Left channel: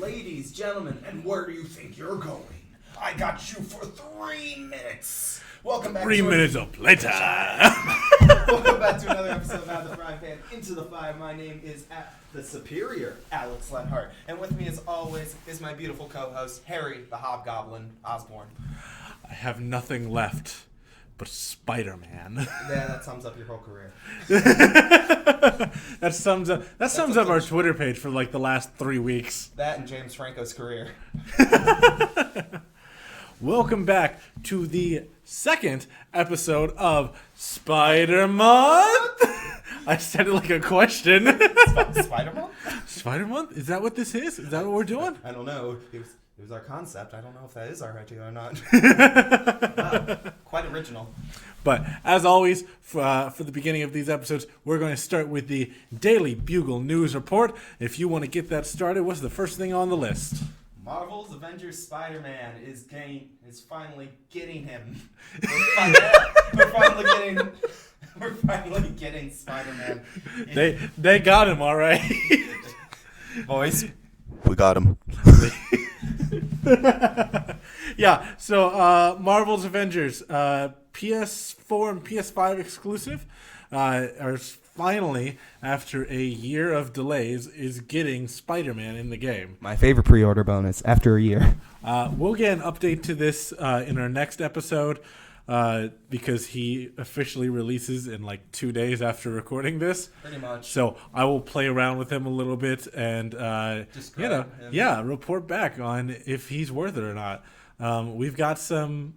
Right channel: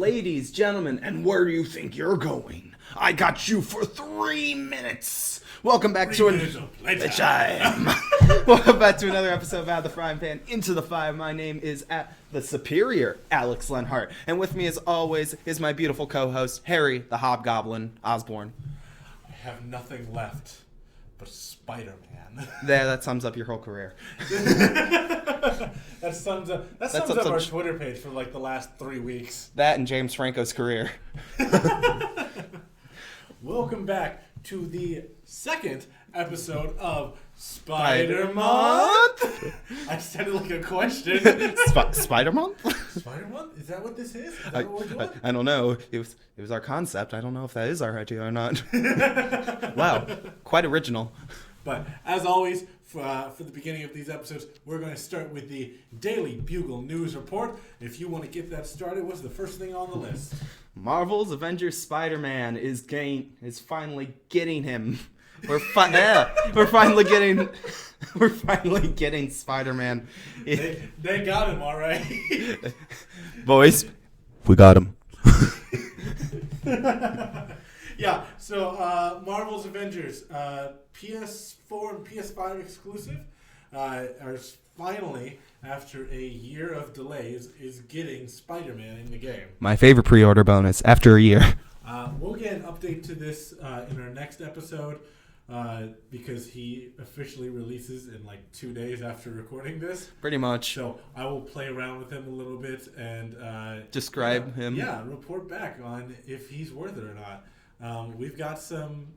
Ladies, gentlemen, and where do you think you're going? I got you for 3 minutes. Welcome back 3 minutes of playtime. Welcome back to another episode of Out of the Frying Pan Into the Fire. My name is at the superior Alex Lenhart, and with me, as always, is my beautiful co-host Harry the Hobgoblin Osborne. I have nothing left but Spider-Man. That sums up your whole career. That sums up our Twitter page for like the last 3 weeks. That and James Franco's career. Welcome back to the second episode of Spider-Month. I said it like a question. Spider-Month? Spider-Month? Is that what this is? Is that what we're doing? I don't know. It was our concept. I don't know if that is our idea or not. Wow. Quite original. But as always, for the beginning of these episodes, we're going to start with the Daily Bugle News Report. If you want to get that started, what's the first thing on the list? Marvel's Avengers Spider-Man is finally getting him. We're finally getting Spider-Man. They got him, all right. Boys, we got him. Yeah, so Marvel's Avengers, PS4 and PS5 exclusive, are finally, after a year of delays, is getting Spider-Man in the game. My favorite pre-order bonus after a year. We'll get an update to this in our next episode because he officially releases in like 2 days after recording this. Pretty much. So I will play around with him a little bit and describe him. Yeah, report back on if he's worth it or not. We've got some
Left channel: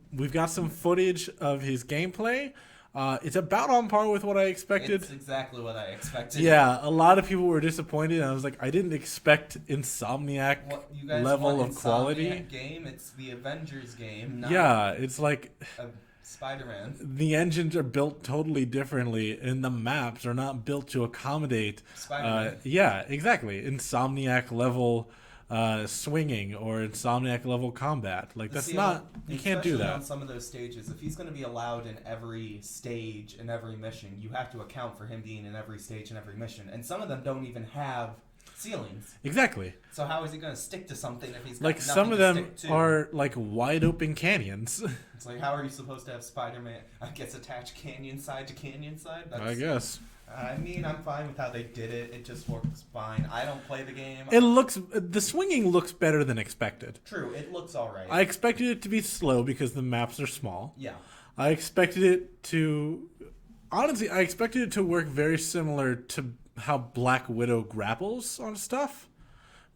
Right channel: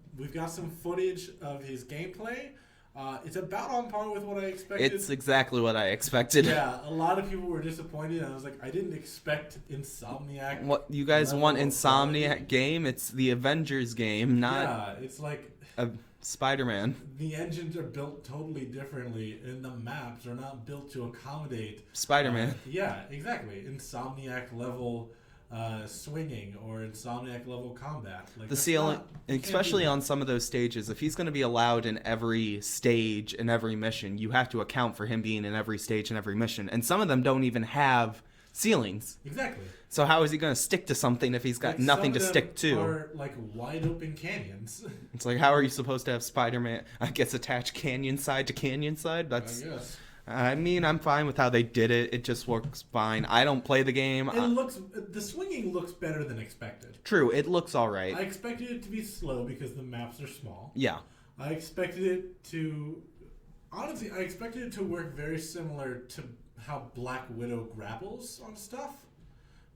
footage of his gameplay. It's about on par with what I expected. It's exactly what I expected. Yeah, a lot of people were disappointed. I was like, I didn't expect Insomniac. What you guys want? Insomniac game? It's the Avengers game. Not it's like Spider-Man. The engines are built totally differently, and the maps are not built to accommodate Spider-Man. Yeah, exactly. Insomniac level swinging or Insomniac level combat. Like the that's ceiling, not, especially on some of those stages. If he's going to be allowed in every stage and every mission, you have to account for him being in every stage and every mission. And some of them don't even have ceilings. Exactly. So how is he going to stick to something if he's got like nothing to stick to? Some of them are like wide open canyons. It's like, how are you supposed to have Spider-Man, I guess, attach canyon side to canyon side? I guess. I mean, I'm fine with how they did it. It just works fine. I don't play the game. The swinging looks better than expected. True, it looks all right. I expected it to be slow because the maps are small. Yeah. I expected it to work very similar to how Black Widow grapples on stuff,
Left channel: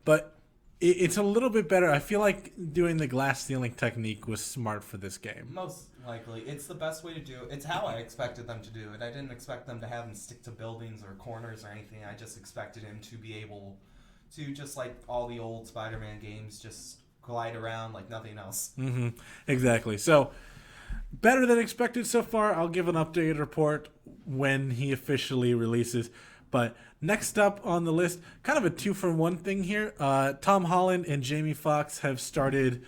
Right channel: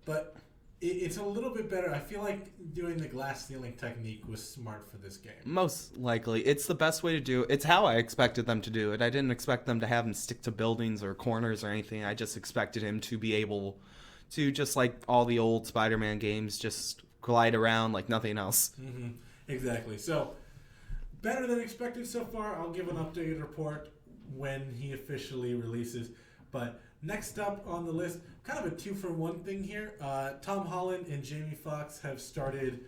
but it's a little bit better. I feel like doing the glass ceiling technique was smart for this game. Most likely. It's the best way to do it. It's how I expected them to do it. I didn't expect them to have him stick to buildings or corners or anything. I just expected him to be able to, just like all the old Spider-Man games, just glide around like nothing else. Mm-hmm. Exactly. So, better than expected so far. I'll give an updated report when he officially releases. But next up on the list, kind of a 2-for-1 thing here. Tom Holland and Jamie Foxx have started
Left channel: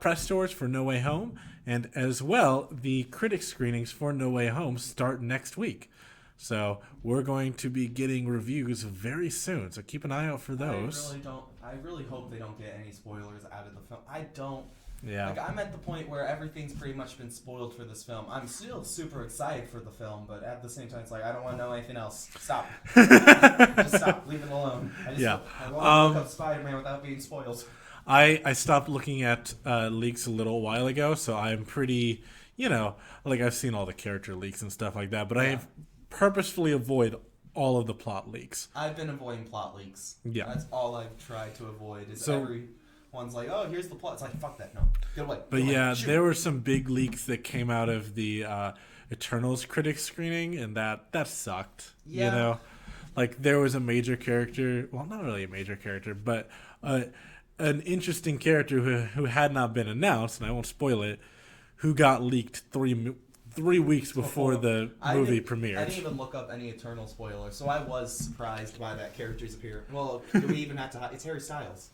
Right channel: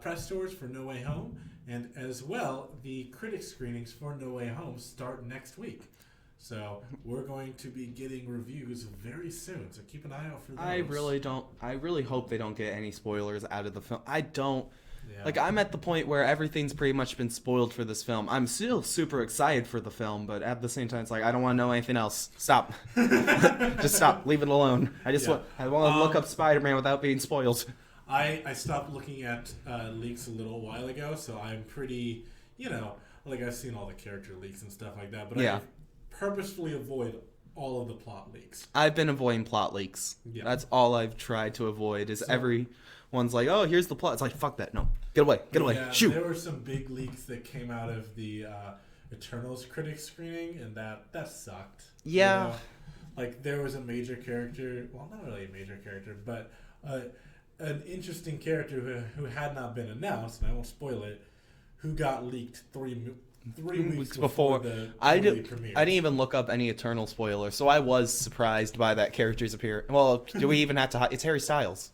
press tours for No Way Home. And as well, the critic screenings for No Way Home start next week. So we're going to be getting reviews very soon. So keep an eye out for those. I really hope they don't get any spoilers out of the film. Yeah. Like, I'm at the point where everything's pretty much been spoiled for this film. I'm still super excited for the film, but at the same time, it's like, I don't want to know anything else. Stop. Just stop. Leave it alone. I want to look up Spider-Man without being spoiled. I stopped looking at leaks a little while ago, so I'm pretty, like I've seen all the character leaks and stuff like that, but I purposefully avoid all of the plot leaks. I've been avoiding plot leaks. Yeah. That's all I've tried to avoid is one's like, oh, here's the plot. It's like, fuck that. No. Get away. Get away. Yeah, Shoot. There were some big leaks that came out of the Eternals critic screening, and that sucked. Yeah. Like, there was a major character. Well, not really a major character, but an interesting character who had not been announced, and I won't spoil it, who got leaked 3 weeks before the movie premiered. I didn't even look up any Eternal spoilers, so I was surprised by that character's appearance. Well, do we even have to hide? It's Harry Styles.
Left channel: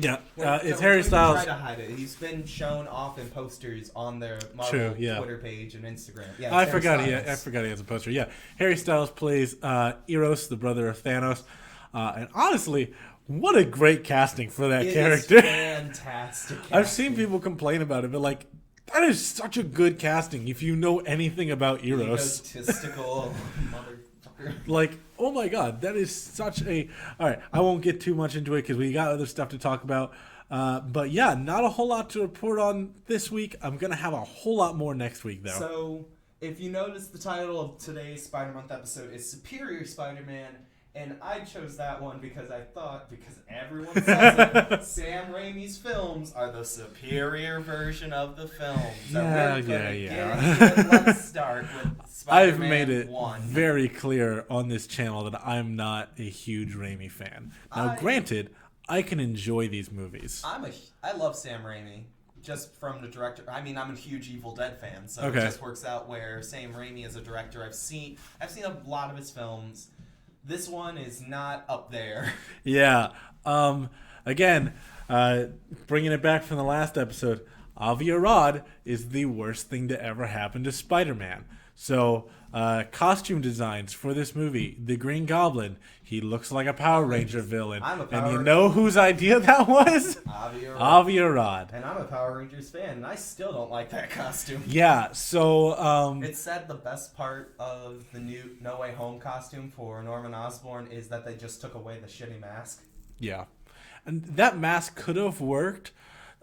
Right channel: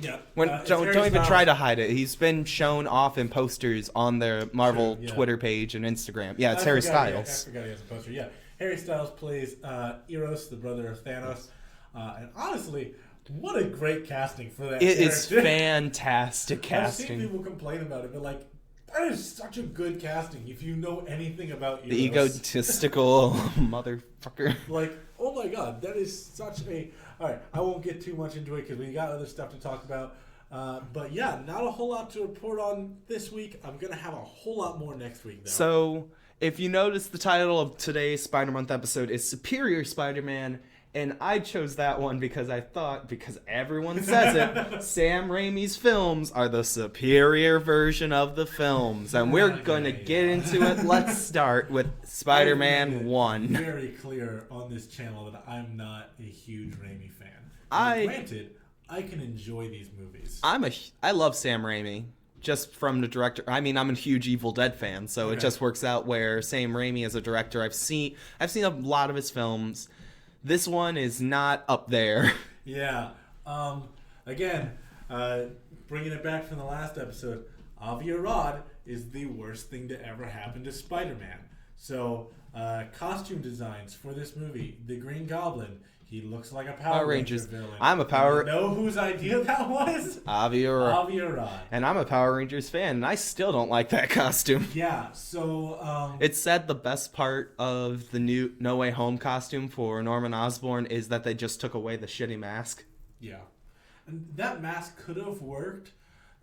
Yeah, don't even try to hide it. He's been shown off in posters on their Marvel Twitter page and Instagram. Yeah, it's Harry Styles. I forgot he has a poster. Yeah, Harry Styles plays Eros, the brother of Thanos. And honestly, What a great casting for that It is character. fantastic casting. I've seen people complain about it, but like, that is such a good casting if you know anything about Eros. Egotistical motherfucker. Like, oh my god, that is such a... Alright, I won't get too much into it because we got other stuff to talk about. But yeah, not a whole lot to report on this week. I'm going to have a whole lot more next week, though. So, if you notice, the title of today's Spider-Month episode is Superior Spider-Man, and I chose that one because I thought, because everyone says it, Sam Raimi's films are the superior version of the films. And we're going to get into it. Let's start with Spider-Man 1. Very clear on this channel that I'm not a huge Raimi fan. Now, granted, I can enjoy these movies. I love Sam Raimi. Just from the director. I mean, I'm a huge Evil Dead fan, so It just works out where Sam Raimi as a director, I've seen a lot of his films. This one is not up there. Yeah. Again, bringing it back from the last episode, Aviarad is the worst thing to ever happen to Spider-Man. So, costume designs for this movie. The Green Goblin, he looks like a Power Ranger villain. I'm a Power... You know whose idea that was? Aviarad. And I'm a Power Rangers fan, and I still don't like that costume. Yeah, so... It said the best part of the new No Way Home costume for Norman Osborn is that they just took away the shitty mask. Yeah. And that mask could have worked.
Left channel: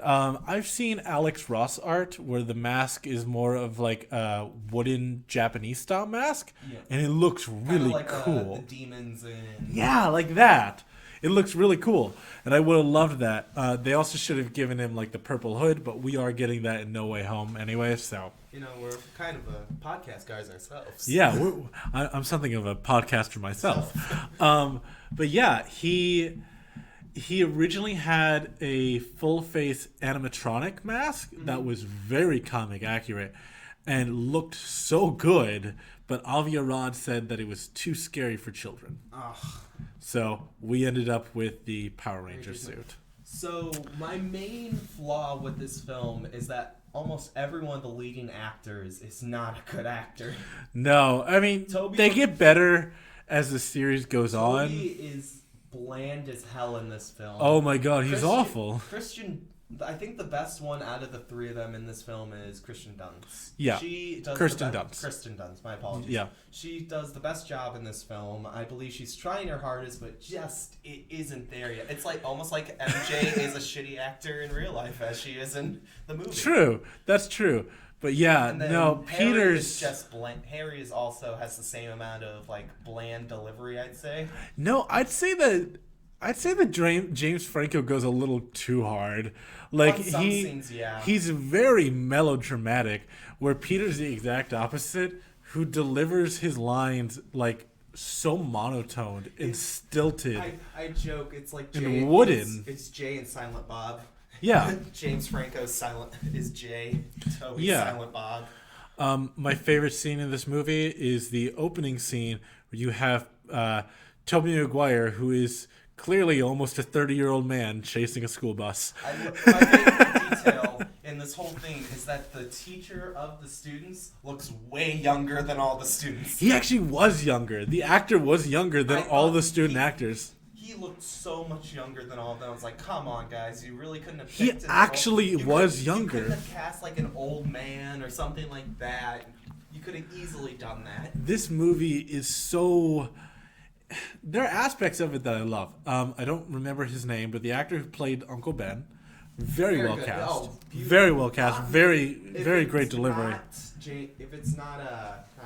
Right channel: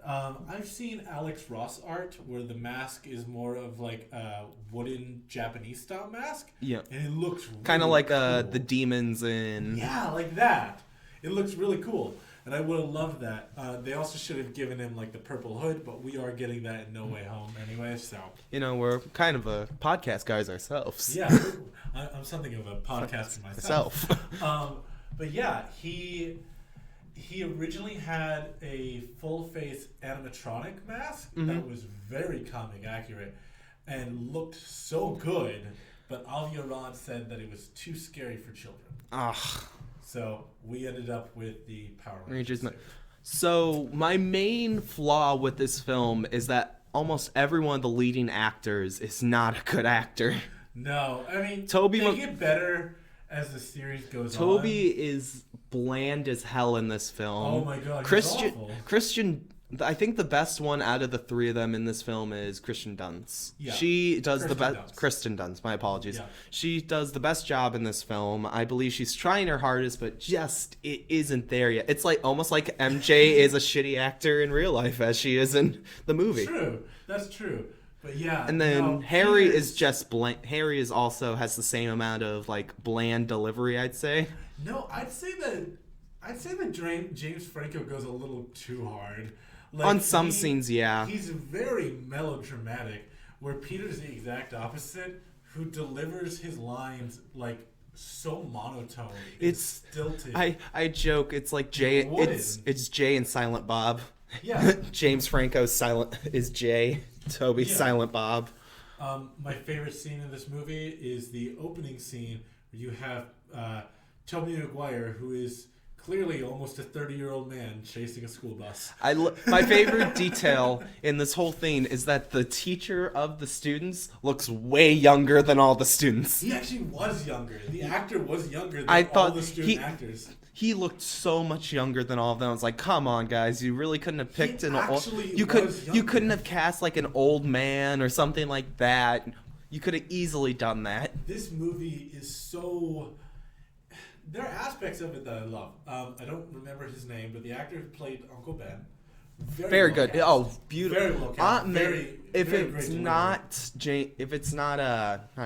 I've seen Alex Ross art where the mask is more of like a wooden Japanese style mask. Yeah. And it looks really kind of like cool. The demons in... Yeah, like that. It looks really cool. And I would have loved that. They also should have given him like the purple hood, but we are getting that in No Way Home anyway, so... You know, we're kind of a podcast guys ourselves. Yeah, I'm something of a podcaster myself. But yeah, He originally had a full-face animatronic mask that was very comic accurate and looked so good, but Aviarad said that it was too scary for children. Ugh. So we ended up with the Power Ranger suit. So my main flaw with this film is that almost every one of the leading actors is not a good actor. No, I mean, they get better as the series goes on. Toby is... bland as hell in this film. Oh my god, he's awful. I think the best one out of the three of them in this film is Kristen Dunst. Yeah, she does Kristen Dunst. My apologies. Yeah, she does the best job in this film. I believe she's trying her hardest, but just it isn't there yet. It's like almost like MJ is a shitty actor in real life as she is in the movie. True, that's true. But yeah, and then Harry is just bland. Harry is also has the same amount of like bland delivery, I'd say. No, I'd say that James Franco goes a little too hard. Like on some scenes, yeah. He's very melodramatic, where Peter's the exact opposite, who delivers his lines like so monotone. It's stilted. I joke, it's like Jay. It's Jay and Silent Bob. Yeah. James Franco's silent is Jay. Toby's Silent Bob. My favorite scene in this movie is the opening scene where you have Tobey Maguire, who is clearly almost a 30-year-old man chasing a school bus. My favorite detail in this whole thing is that the teacher of the students looks way younger than all the students. He actually was younger. The actor was younger than all the student actors. He looked so much younger than all of them. I was like, come on, guys. You really couldn't have picked younger. You couldn't have cast like an old man or something like that. You could have easily done that. This movie is so... There are aspects of it that I love. I don't remember his name, but the actor who played Uncle Ben, very well good. Cast. Oh, beautiful. Very well cast. Very great delivery. If it's not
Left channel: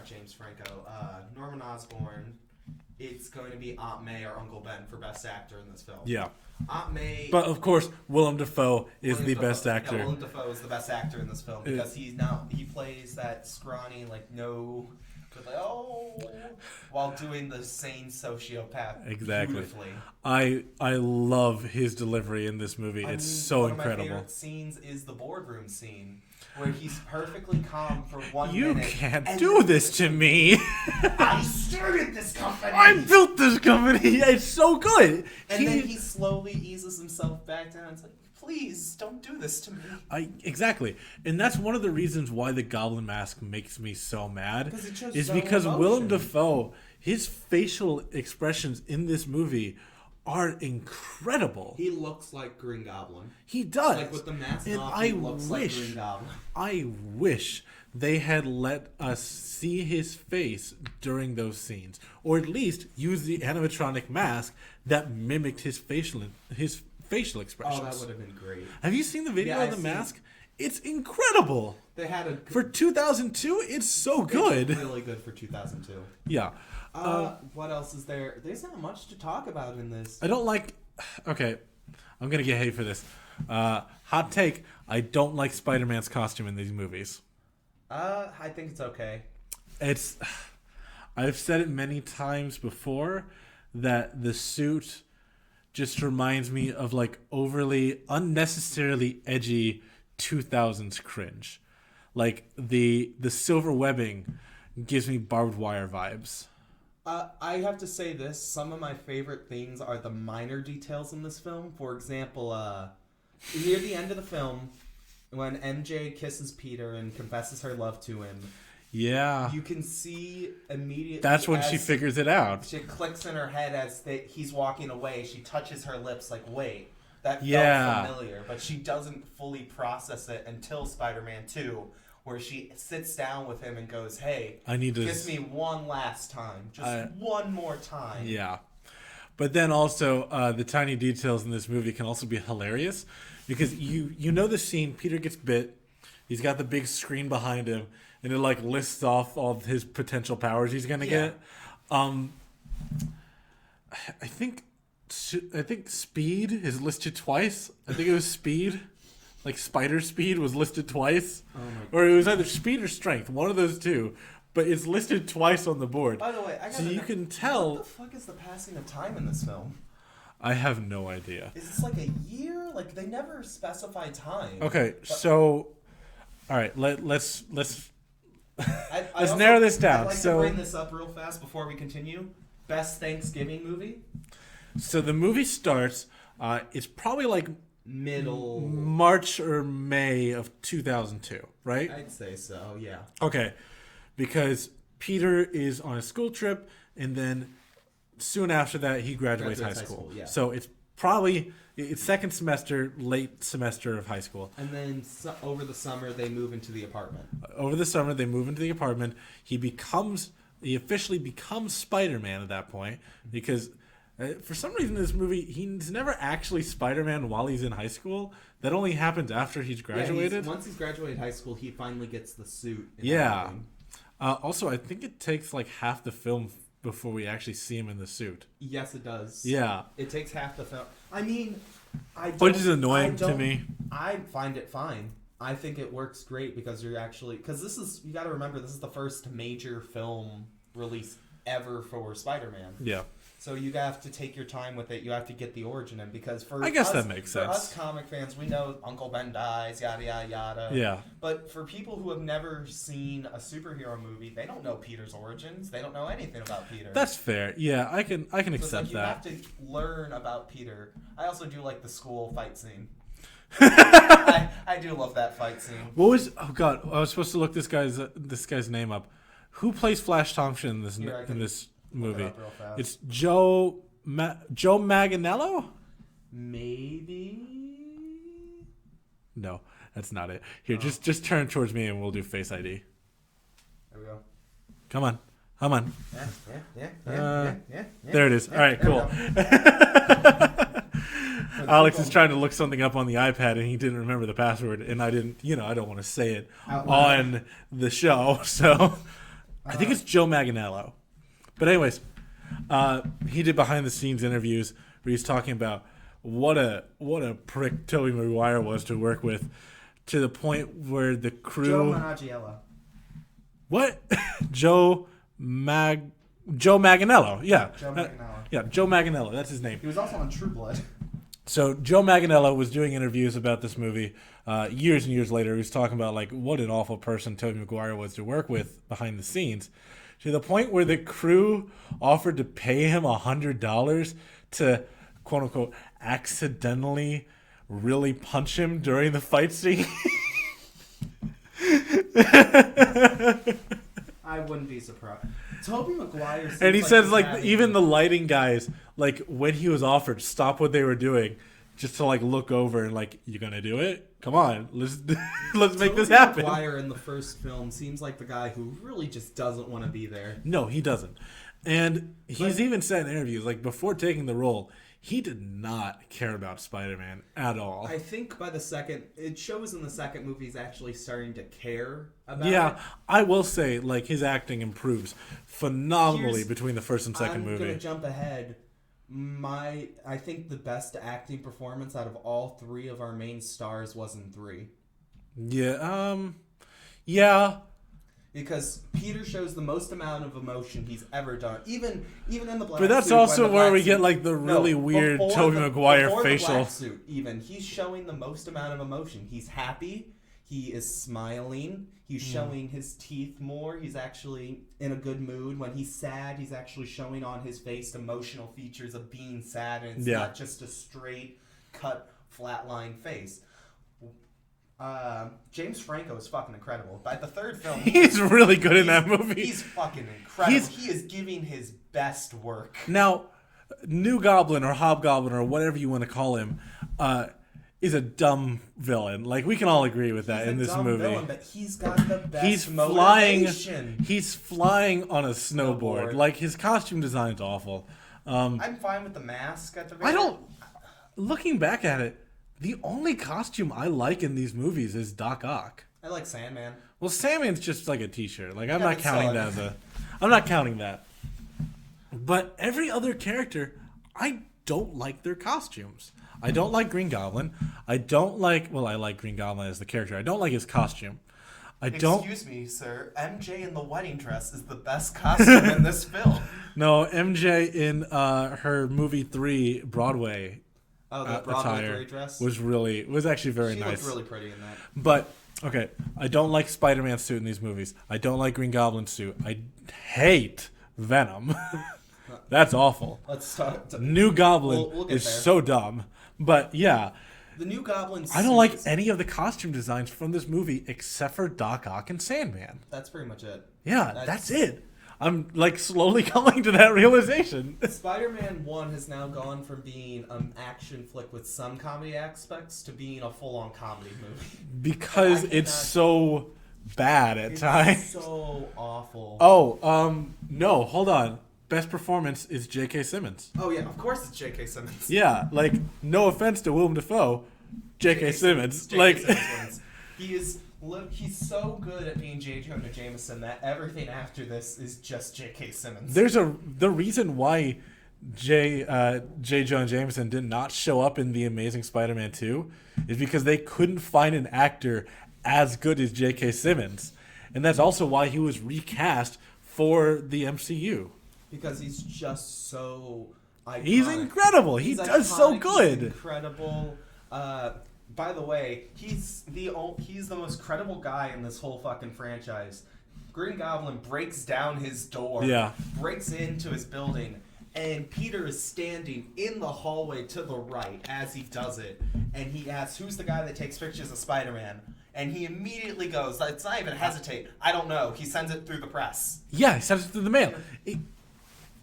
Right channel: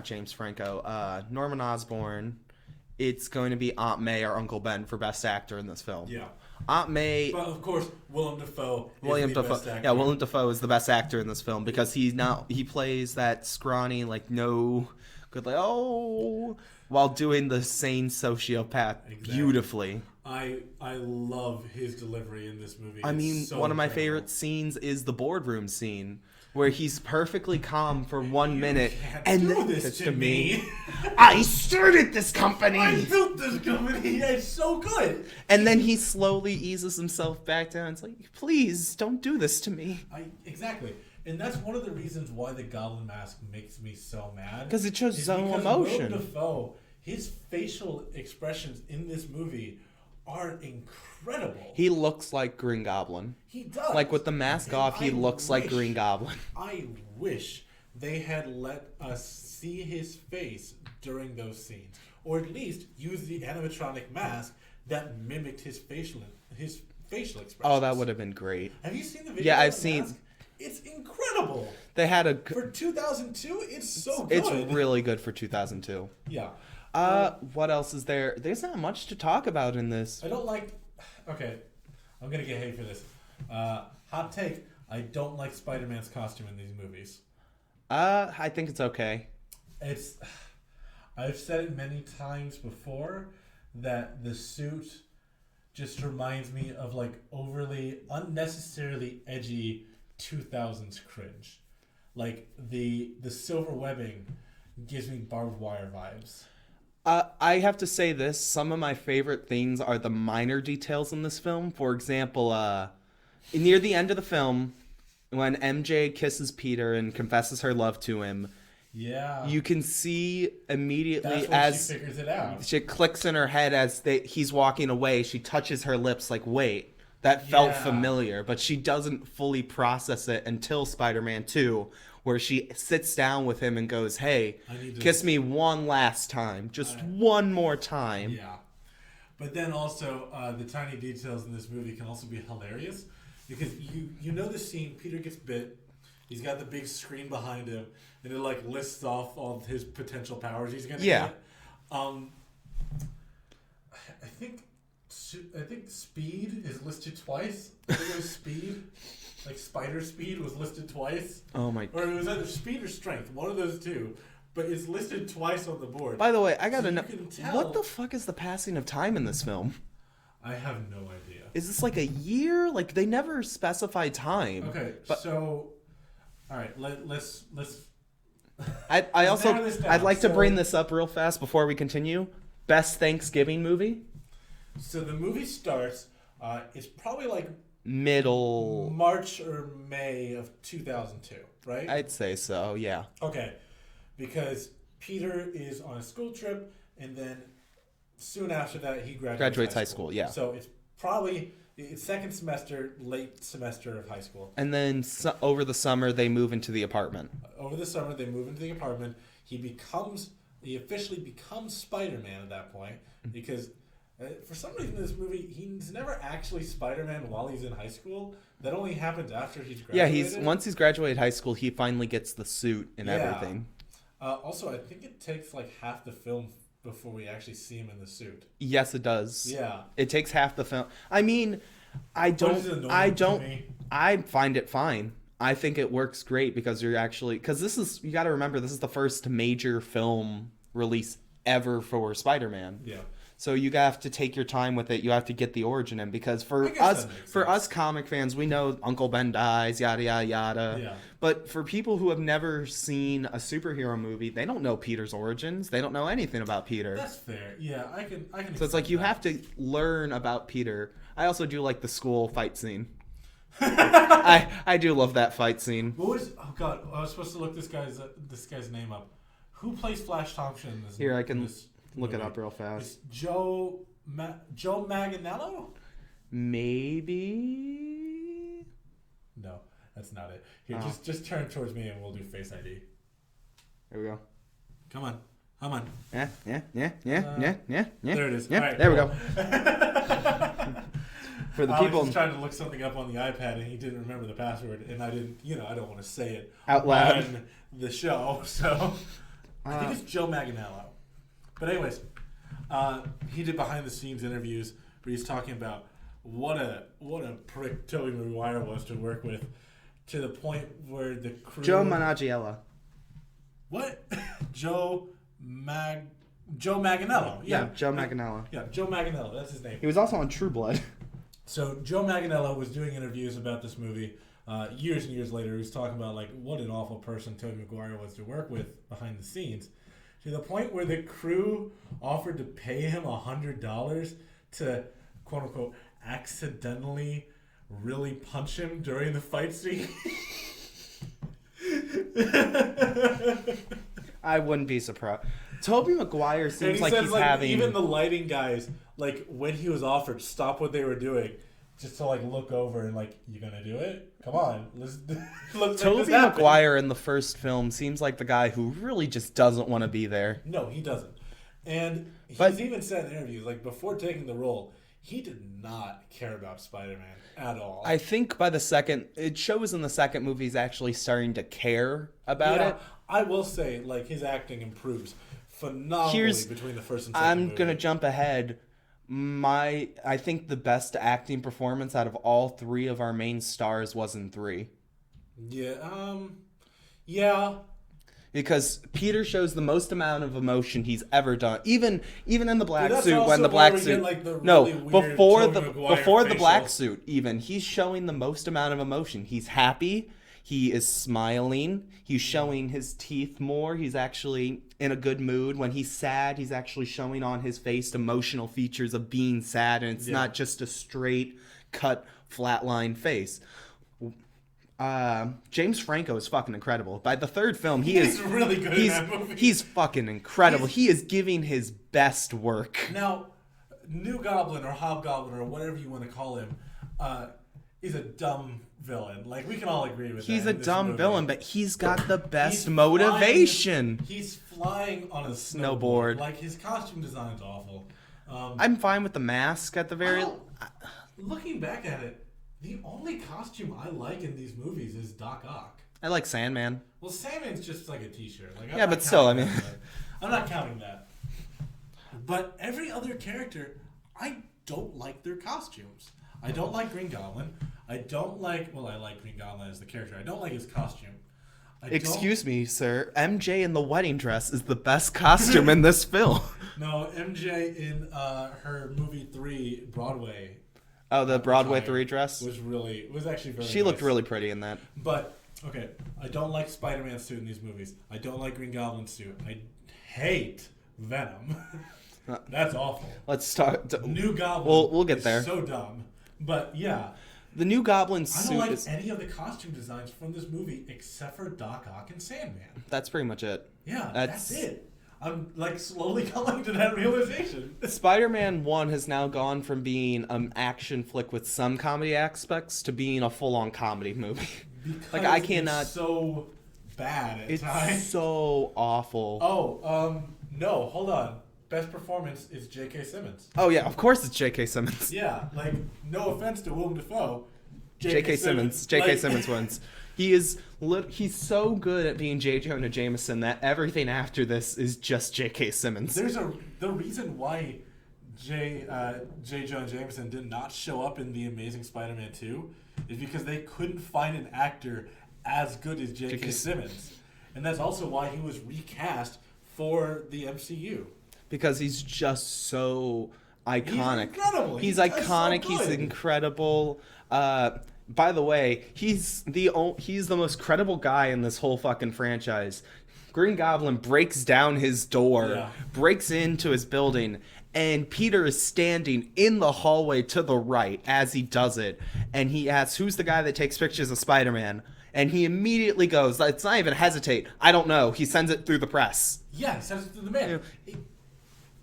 James Franco, Norman Osborn, it's going to be Aunt May or Uncle Ben for Best Actor in this film. Yeah. Aunt May... But, of course, Willem Dafoe is the best actor. Yeah, Willem Dafoe is the best actor in this film because he plays that scrawny, like, no... Good, like, while doing the sane sociopath beautifully. I love his delivery in this movie. It's so one incredible. of my favorite scenes is the boardroom scene where he's perfectly calm for 1 minute. You can't do this to me. I started this company. I built this company. It's so good. And then he slowly eases himself back down. It's like, please don't do this to me. Exactly. And that's one of the reasons why the Goblin Mask makes me so mad. Because it shows because Willem Dafoe, his facial expressions in this movie are incredible. He looks like Green Goblin. He does. Like with the mask And off, he looks like Green Goblin. I wish they had let us see his face during those scenes, or at least use the animatronic mask that mimicked his facial expressions. Oh, that would have been great. Have you seen the video Yeah, of I've the seen. mask? It's incredible. They had For 2002, it's so good. It's really good for 2002. Yeah. What else is there? There's not much to talk about in this. I don't like... Okay, I'm going to get hate for this. Hot take, I don't like Spider-Man's costume in these movies. I think it's okay. I've said it many times before that the suit just reminds me of like overly, unnecessarily edgy 2000s cringe. Like the silver webbing gives me barbed wire vibes. I have to say this. Some of my favorite things are the minor details in this film. For example, near the end of the film, when MJ kisses Peter and confesses her love to him, yeah, you can see immediately. That's when she figures it out. She clicks in her head as he's walking away. She touches her lips like, wait, that felt Yeah. familiar. But she doesn't fully process it until Spider-Man 2, where she sits down with him and goes, hey, I need to kiss me one last time. Just one more time. Yeah. But then also, the tiny details in this movie can also be hilarious. Because you know the scene, Peter gets bit. He's got the big screen behind him. And it like lists off all of his potential powers he's going to get. I think speed is listed twice. I think it was speed. Like spider speed was listed twice. Oh my god. Or it was either speed or strength. One of those two. But it's listed twice on the board. By the way, I gotta know. You can tell. What the fuck is the passing of time in this film? I have no idea. Is this like a year? Like they never specify time. Okay, so all right, let's I let's also, narrow this down. I'd like to bring this up real fast before we continue. Best Thanksgiving movie? So the movie starts. It's probably like Middle March or May of 2002, right? I'd say so. Yeah. Okay, because Peter is on a school trip, and then soon after that he graduates high school. Yeah. So it's second semester, late semester of high school. And then over the summer they move into the apartment. Over the summer they move into the apartment. He officially becomes Spider-Man at that point because for some reason in this movie he's never actually Spider-Man while he's in high school. That only happens after he's graduated. Yeah, once he's graduated high school, he finally gets the suit and everything. Also, I think it takes like half the film before we actually see him in the suit. Yes, it does. Yeah. It takes half the film. I mean, Which is annoying to me. I find it fine. I think it works great because you got to remember, this is the first major film release ever for Spider-Man. Yeah. So you have to take your time with it. You have to get the origin in because I guess that makes sense. us comic fans, we know Uncle Ben dies, yada yada yada. Yeah. But for people who have never seen a superhero movie, they don't know Peter's origins. They don't know anything about Peter. That's fair. Yeah, I can accept So it's like you that. have to learn about Peter. I also do like the school fight scene. I do love that fight scene. What was? Oh God, I was supposed to look this guy's name up. Who plays Flash Thompson in this? Here, I can in this look movie? it up real fast. It's Joe Manganiello? Maybe. No, that's not it. Here, just turn towards me and we'll do Face ID. There we go. Come on. Yeah. There it is. Yeah, All right, there cool. we go. Alex is trying to look something up on the iPad and he didn't remember the password, and I didn't. I don't want to say it Out loud. on the show, so I think it's Joe Manganiello. But anyways, he did behind the scenes interviews where he's talking about what a prick Tobey Maguire was to work with, to the point where the crew. Joe Manganiello. What? Joe Manganiello. Yeah. Joe Manganiello. Yeah, Joe Manganiello. That's his name. He was also on True Blood. So Joe Manganiello was doing interviews about this movie years and years later. He was talking about like what an awful person Tobey Maguire was to work with behind the scenes, to the point where the crew offered to pay him $100 to quote unquote accidentally really punch him during the fight scene. I wouldn't be surprised. Tobey Maguire seems And he like says, he's like, having... even the lighting guys, like, when he was offered, stop what they were doing, just to, like, look over and, like, you gonna do it? Come on, let's make this happen. Tobey Maguire in the first film seems like the guy who really just doesn't want to be there. No, he doesn't. And he's even said in interviews, like, before taking the role, he did not care about Spider-Man at all. I think it shows in the second movie he's actually starting to care about it. Yeah, I will say, like, his acting improves phenomenally between the first and second movie. I'm going to jump ahead. I think the best acting performance out of all three of our main stars was in 3. Yeah. Because Peter shows the most amount of emotion he's ever done. Even in the black suit. But that's also where we get, like, the really weird Tobey Maguire before facial. The black suit, even, he's showing the most amount of emotion. He's happy. He is smiling. He's showing his teeth more. He's actually in a good mood. When he's sad, he's actually showing on his face emotional features of being sad. And it's not just a straight, cut, flatline face. James Franco is fucking incredible. By the third film, he's really good in that movie. He's fucking incredible. He is giving his best work. Now, New Goblin or Hobgoblin or whatever you want to call him, is a dumb villain. Like, we can all agree with that in this movie. He's a dumb villain, but he's got the best motivation. He's flying on a snowboard. Like, his costume design's awful. I'm fine with the mask at the very end. Looking back at it, the only costume I like in these movies is Doc Ock. I like Sandman. Well, Sandman's just like a t-shirt. Like, I'm not counting that. But every other character, I don't like their costumes. I don't like Green Goblin. I like Green Goblin as the character. I don't like his costume. Excuse me, sir. MJ in the wedding dress is the best costume in this film. No, MJ in her movie 3 Broadway. Oh, the Broadway 3 dress? Was actually very nice. She looked really pretty in that. But, okay, I don't like Spider-Man's suit in these movies. I don't like Green Goblin's suit. I hate Venom. That's awful. Let's talk. New Goblin we'll get is there. so dumb. But, yeah. The New Goblin suit I don't like any of the costume designs from this movie except for Doc Ock and Sandman. That's pretty much it. Yeah, that's it. I'm, like, slowly coming to that realization. Spider-Man 1 has now gone from being an action flick with some comedy aspects to being a full-on comedy movie. Because it's so bad at times. It's so awful. Oh, no, hold on. Best performance is J.K. Simmons. Oh, yeah, of course it's J.K. Simmons. Yeah, like, no offense to Willem Dafoe, J.K. Simmons. J.K. Simmons wins. He's so good at being J. Jonah Jameson that everything after this is just J.K. Simmons. The reason why J. Jonah Jameson did not show up in The Amazing Spider-Man 2 is because they couldn't find an actor as good as J.K. Simmons. And that's also why he was recast for the MCU. Because he's just so iconic. He's incredible. He's iconic. So good. He's incredible. By the way, he's the most credible guy in this whole fucking franchise. Green Goblin breaks down his door, breaks into his building, and Peter is standing in the hallway to the right as he does it. And he asks, "Who's the guy that takes pictures of Spider-Man?" And he immediately goes, "It's not even hesitate. I don't know." He sends it through the press. Yeah, he sends it through the mail. Yeah.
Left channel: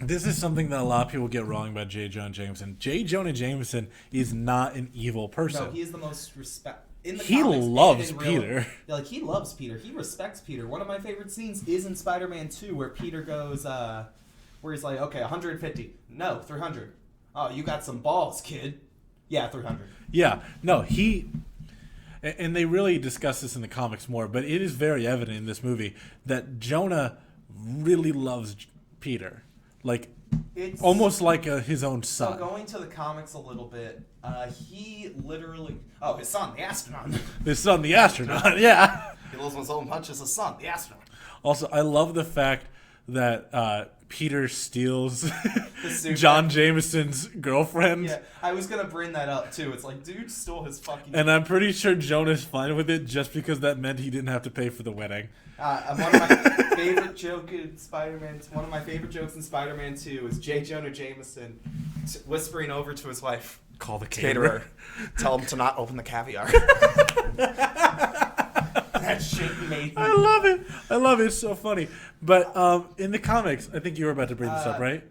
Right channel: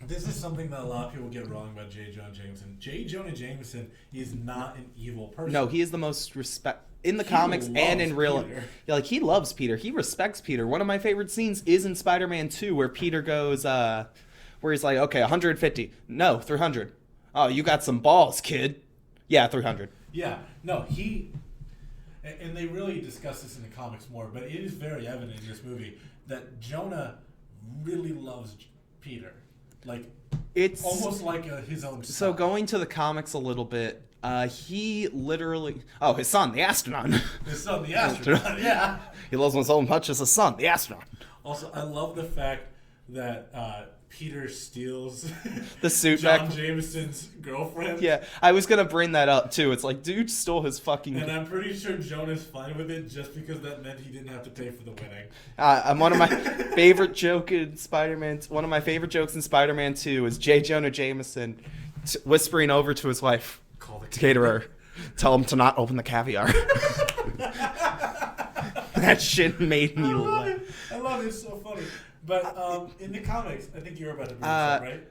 This is something that a lot of people get wrong about J. Jonah Jameson. J. Jonah Jameson is not an evil person. No, he is the most in the comics and in real Peter. Yeah, like, he loves Peter. He respects Peter. One of my favorite scenes is in Spider-Man 2 where Peter goes, where he's like, okay, 150. No, 300. Oh, you got some balls, kid. Yeah, 300. Yeah, no, and they really discuss this in the comics more, but it is very evident in this movie that Jonah really loves Peter. Like, it's almost like his own son. So going to the comics a little bit, he literally... Oh, his son, the astronaut. His son, the astronaut, yeah. He loves him so much as a son, the astronaut. Also, I love the fact that Peter steals the suit John Jameson's girlfriend. Yeah, I was going to bring that up, too. It's like, dude stole his fucking... And I'm pretty sure Jonah's fine with it just because that meant he didn't have to pay for the wedding. One of my favorite jokes in Spider-Man 2 is J. Jonah Jameson whispering over to his wife, "Call the caterer. Tell him to not open the caviar." that shit made me. I love it. I love it. It's so funny. But in the comics, I think you were about to bring this up, right?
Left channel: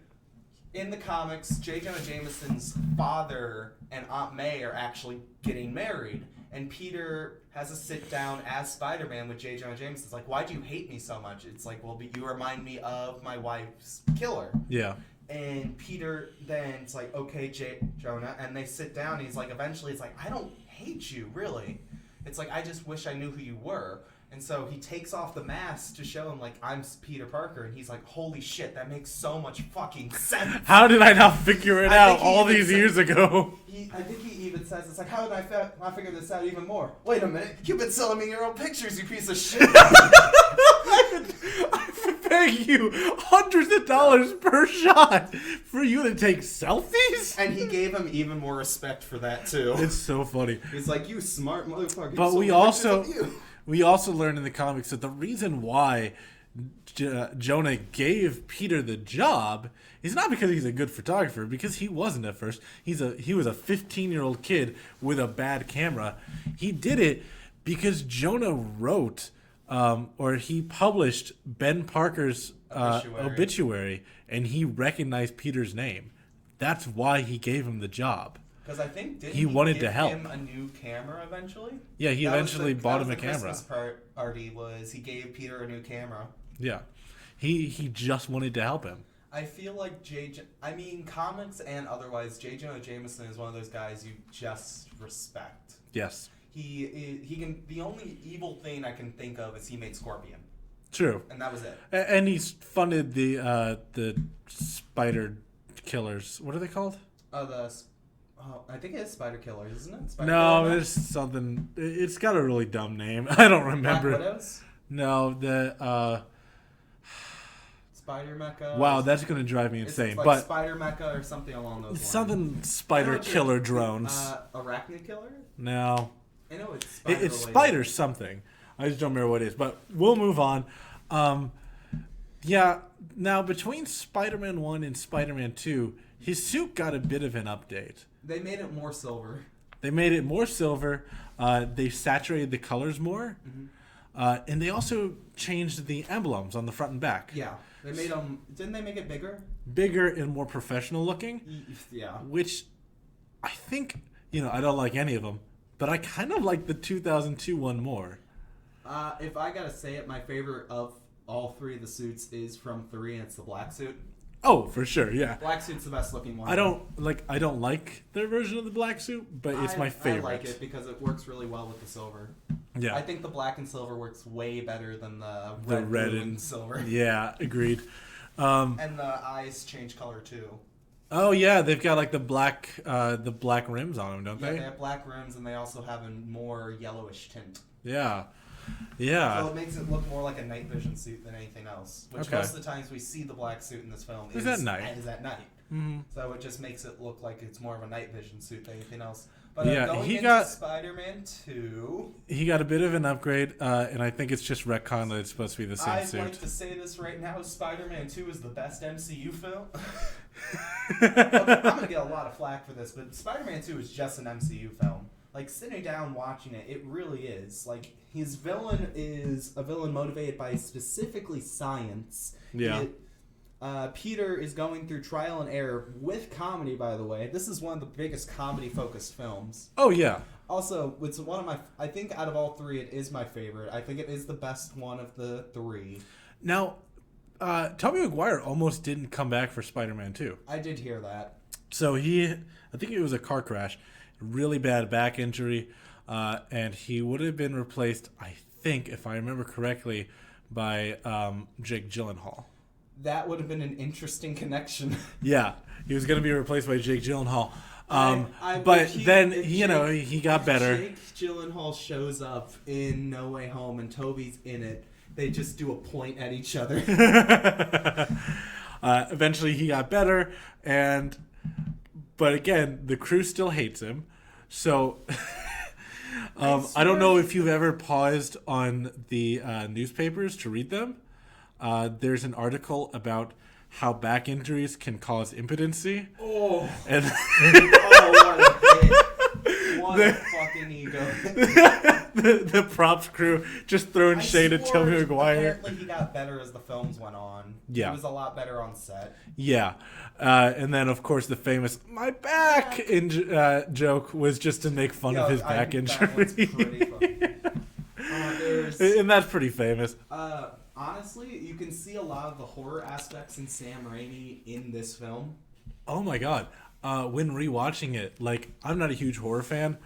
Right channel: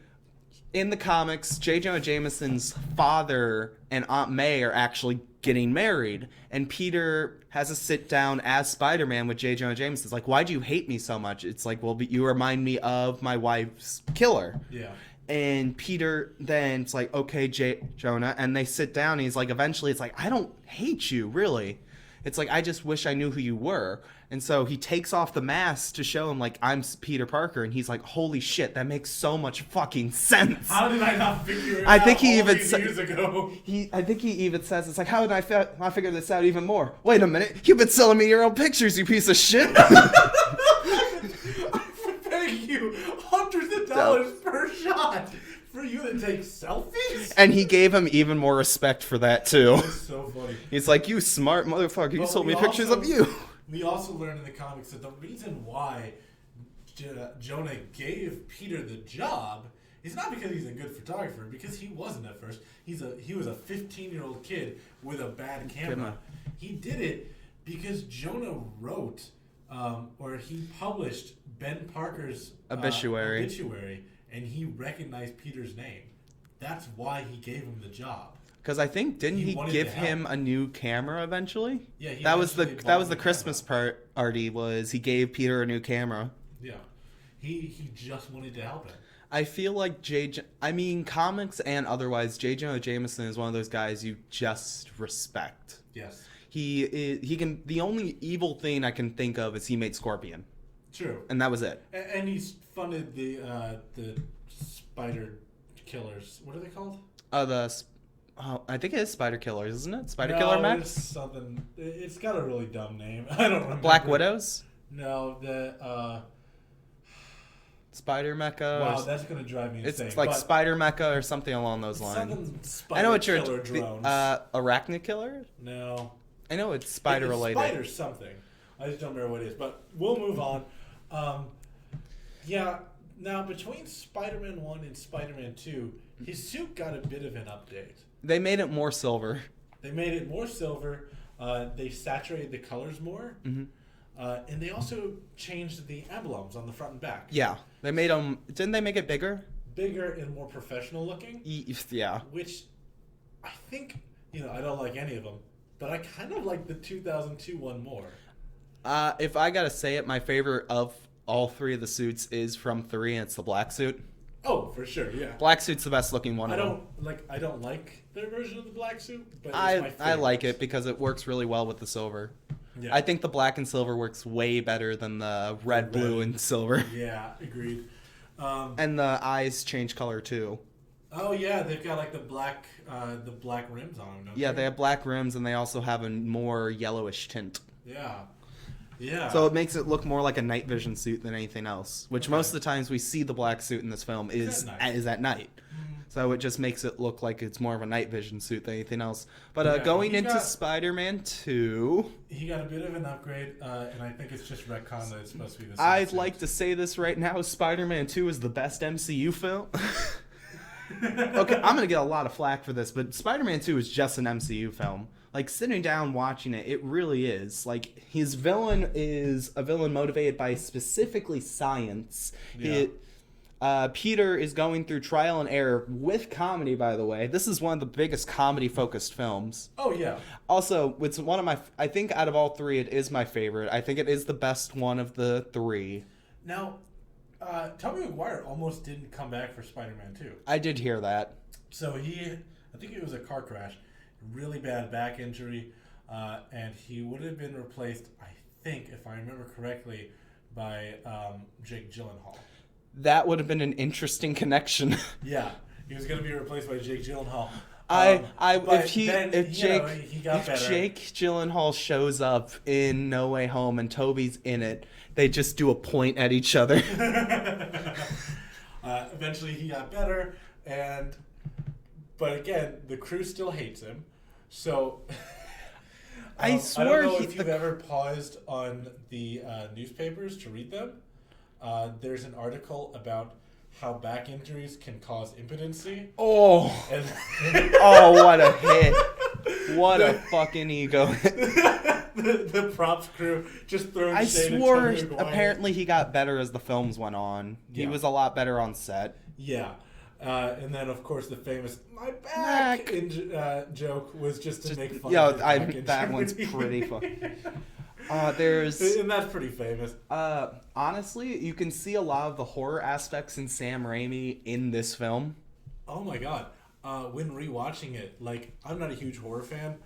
In the comics, J. Jonah Jameson's father and Aunt May are actually getting married, and Peter has a sit down as Spider-Man with J. Jonah Jameson. It's like, why do you hate me so much? It's like, well, you remind me of my wife's killer. Yeah. And Peter then it's like, okay, Jonah, and they sit down. And he's like, eventually, it's like, I don't hate you, really. It's like, I just wish I knew who you were. And so he takes off the mask to show him, like, I'm Peter Parker. And he's like, holy shit, that makes so much fucking sense. How did I not figure it out all these years ago? I think he even says, it's like, how did I figure this out even more? Wait a minute, you've been selling me your own pictures, you piece of shit. I'm paying you hundreds of dollars per shot for you to take selfies? And he gave him even more respect for that, too. It's so funny. He's like, you smart motherfucker, you But sold me pictures of you. We also learned in the comics that the reason why Jonah gave Peter the job is not because he's a good photographer, because he wasn't at first. He was a 15-year-old kid with a bad camera. He did it because Jonah wrote or he published Ben Parker's obituary, and he recognized Peter's name. That's why he gave him the job. Because I think didn't he give him a new camera eventually? Yeah, he that eventually was bought the him a Christmas party was he gave Peter a new camera. Yeah, he just wanted to help him. I feel like comics and otherwise, J. Jonah Jameson is one of those guys you just respect. Yes, he can. The only evil thing I can think of is he made Scorpion. True, and that was it. And he's funded the spider killers. What are they called? I think it is Spider Killers, isn't it? No, it's something. It's got a really dumb name. I don't remember. Black Widows? No, the Spider Mecha. Wow, that's gonna drive me insane. It's like Spider Mecha or something along those lines. Something Spider Killer drones. Arachnid Killer? No. I know it's spider related. It's Spider something. I just don't remember what it is. But we'll move on. Yeah. Now between Spider-Man 1 and Spider-Man 2, his suit got a bit of an update. They made it more silver. They saturated the colors more. Mm-hmm. And they also changed the emblems on the front and back. Yeah. They made them... Didn't they make it bigger? Bigger and more professional looking. Yeah. Which I think, I don't like any of them. But I kind of like the 2002 one more. If I gotta say it, my favorite of all three of the suits is from 3, and it's the black suit. Oh, for sure, yeah. Black suit's the best looking one. I don't like their version of the black suit, but it's my favorite. I like it because it works really well with the silver. Yeah. I think the black and silver works way better than the red, blue, and silver. Yeah, agreed. And the eyes change color too. Oh yeah, they've got like the black rims on them, don't they? Yeah, they have black rims, and they also have a more yellowish tint. Yeah. Yeah. So it makes it look more like a night vision suit than anything else. Which most of the times we see the black suit in this film is at night. Mm-hmm. So it just makes it look like it's more of a night vision suit than anything else. But going into Spider-Man 2... He got a bit of an upgrade, and I think it's just retcon that it's supposed to be the same I'd suit. like to say this right now. Spider-Man 2 is the best MCU film. Okay, I'm going to get a lot of flack for this, but Spider-Man 2 is just an MCU film. Like, sitting down watching it, it really is. Like, his villain is a villain motivated by specifically science. Yeah. Peter is going through trial and error with comedy, by the way. This is one of the biggest comedy-focused films. Oh, yeah. Also, it's one of my... I think out of all three, it is my favorite. I think it is the best one of the three. Now, Tobey Maguire almost didn't come back for Spider-Man 2. I did hear that. So I think it was a car crash. Really bad back injury, and he would have been replaced, I think, if I remember correctly, by Jake Gyllenhaal. That would have been an interesting connection. Yeah, he was going to be replaced by Jake Gyllenhaal. He got better. If Jake Gyllenhaal shows up in No Way Home and Toby's in it, they just do a point at each other. Eventually, he got better, but again, the crew still hates him. So, I don't know if you've ever paused on the newspapers to read them. There's an article about how back injuries can cause impotency. Oh, and what a hit! What a fucking ego. The props crew just throwing shade at swore Tobey Maguire. apparently he got better as the films went on. Yeah. He was a lot better on set. Yeah. And then, of course, the famous "my back" joke was just to make fun of his back injury. That one's pretty funny. And that's pretty famous. Honestly, you can see a lot of the horror aspects in Sam Raimi in this film. Oh my god. When rewatching it, like, I'm not a huge horror fan.